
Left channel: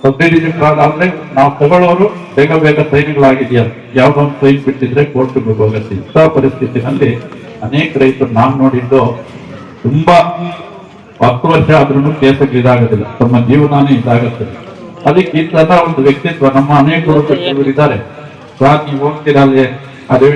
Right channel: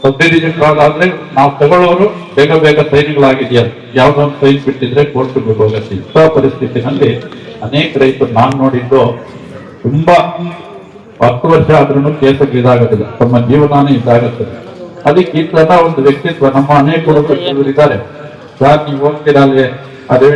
ಸಬ್ಡಿವಿಷನ್ ಆದ್ರೆ ನಾವು ತಗೊಳ್ಳೋರು ಬೇಗ ಸೈನ್ಗಳಾಗಿದೆಯಾ, ಯಾವ್ದೋ ಒಂದು ಸೈನ್ ಬಿಟ್ಟಿದ್ರೆ ಕೋರ್ಟ್ಗೆ ಹೋಗುತ್ತೆ. ಇಂಥ ಪರಿಸ್ಥಿತಿನಲ್ಲಿ ಅನೇಕ ರೈತರು ನಾನು ನೋಡಿದ್ದು ತುಂಬಾ 10 ವರ್ಷ ಆದ್ರೂ ಕೇಸಲ್ಲಿ ಇದಾಗೋದಿಲ್ಲ, ತಮ್ಮ ಜೀವನಾನೇ ಇದಾಗುತ್ತದೆ. ಅದಕ್ಕೆ ಈ ತರ ಒಂದು ವ್ಯಕ್ತಿತ್ವ ನಮ್ಮ ಅನೇಕ ಇದ್ದಾರೆ. ನೀವು ಹೋಗ್ತಿರಲ್ಲ ಅದೇ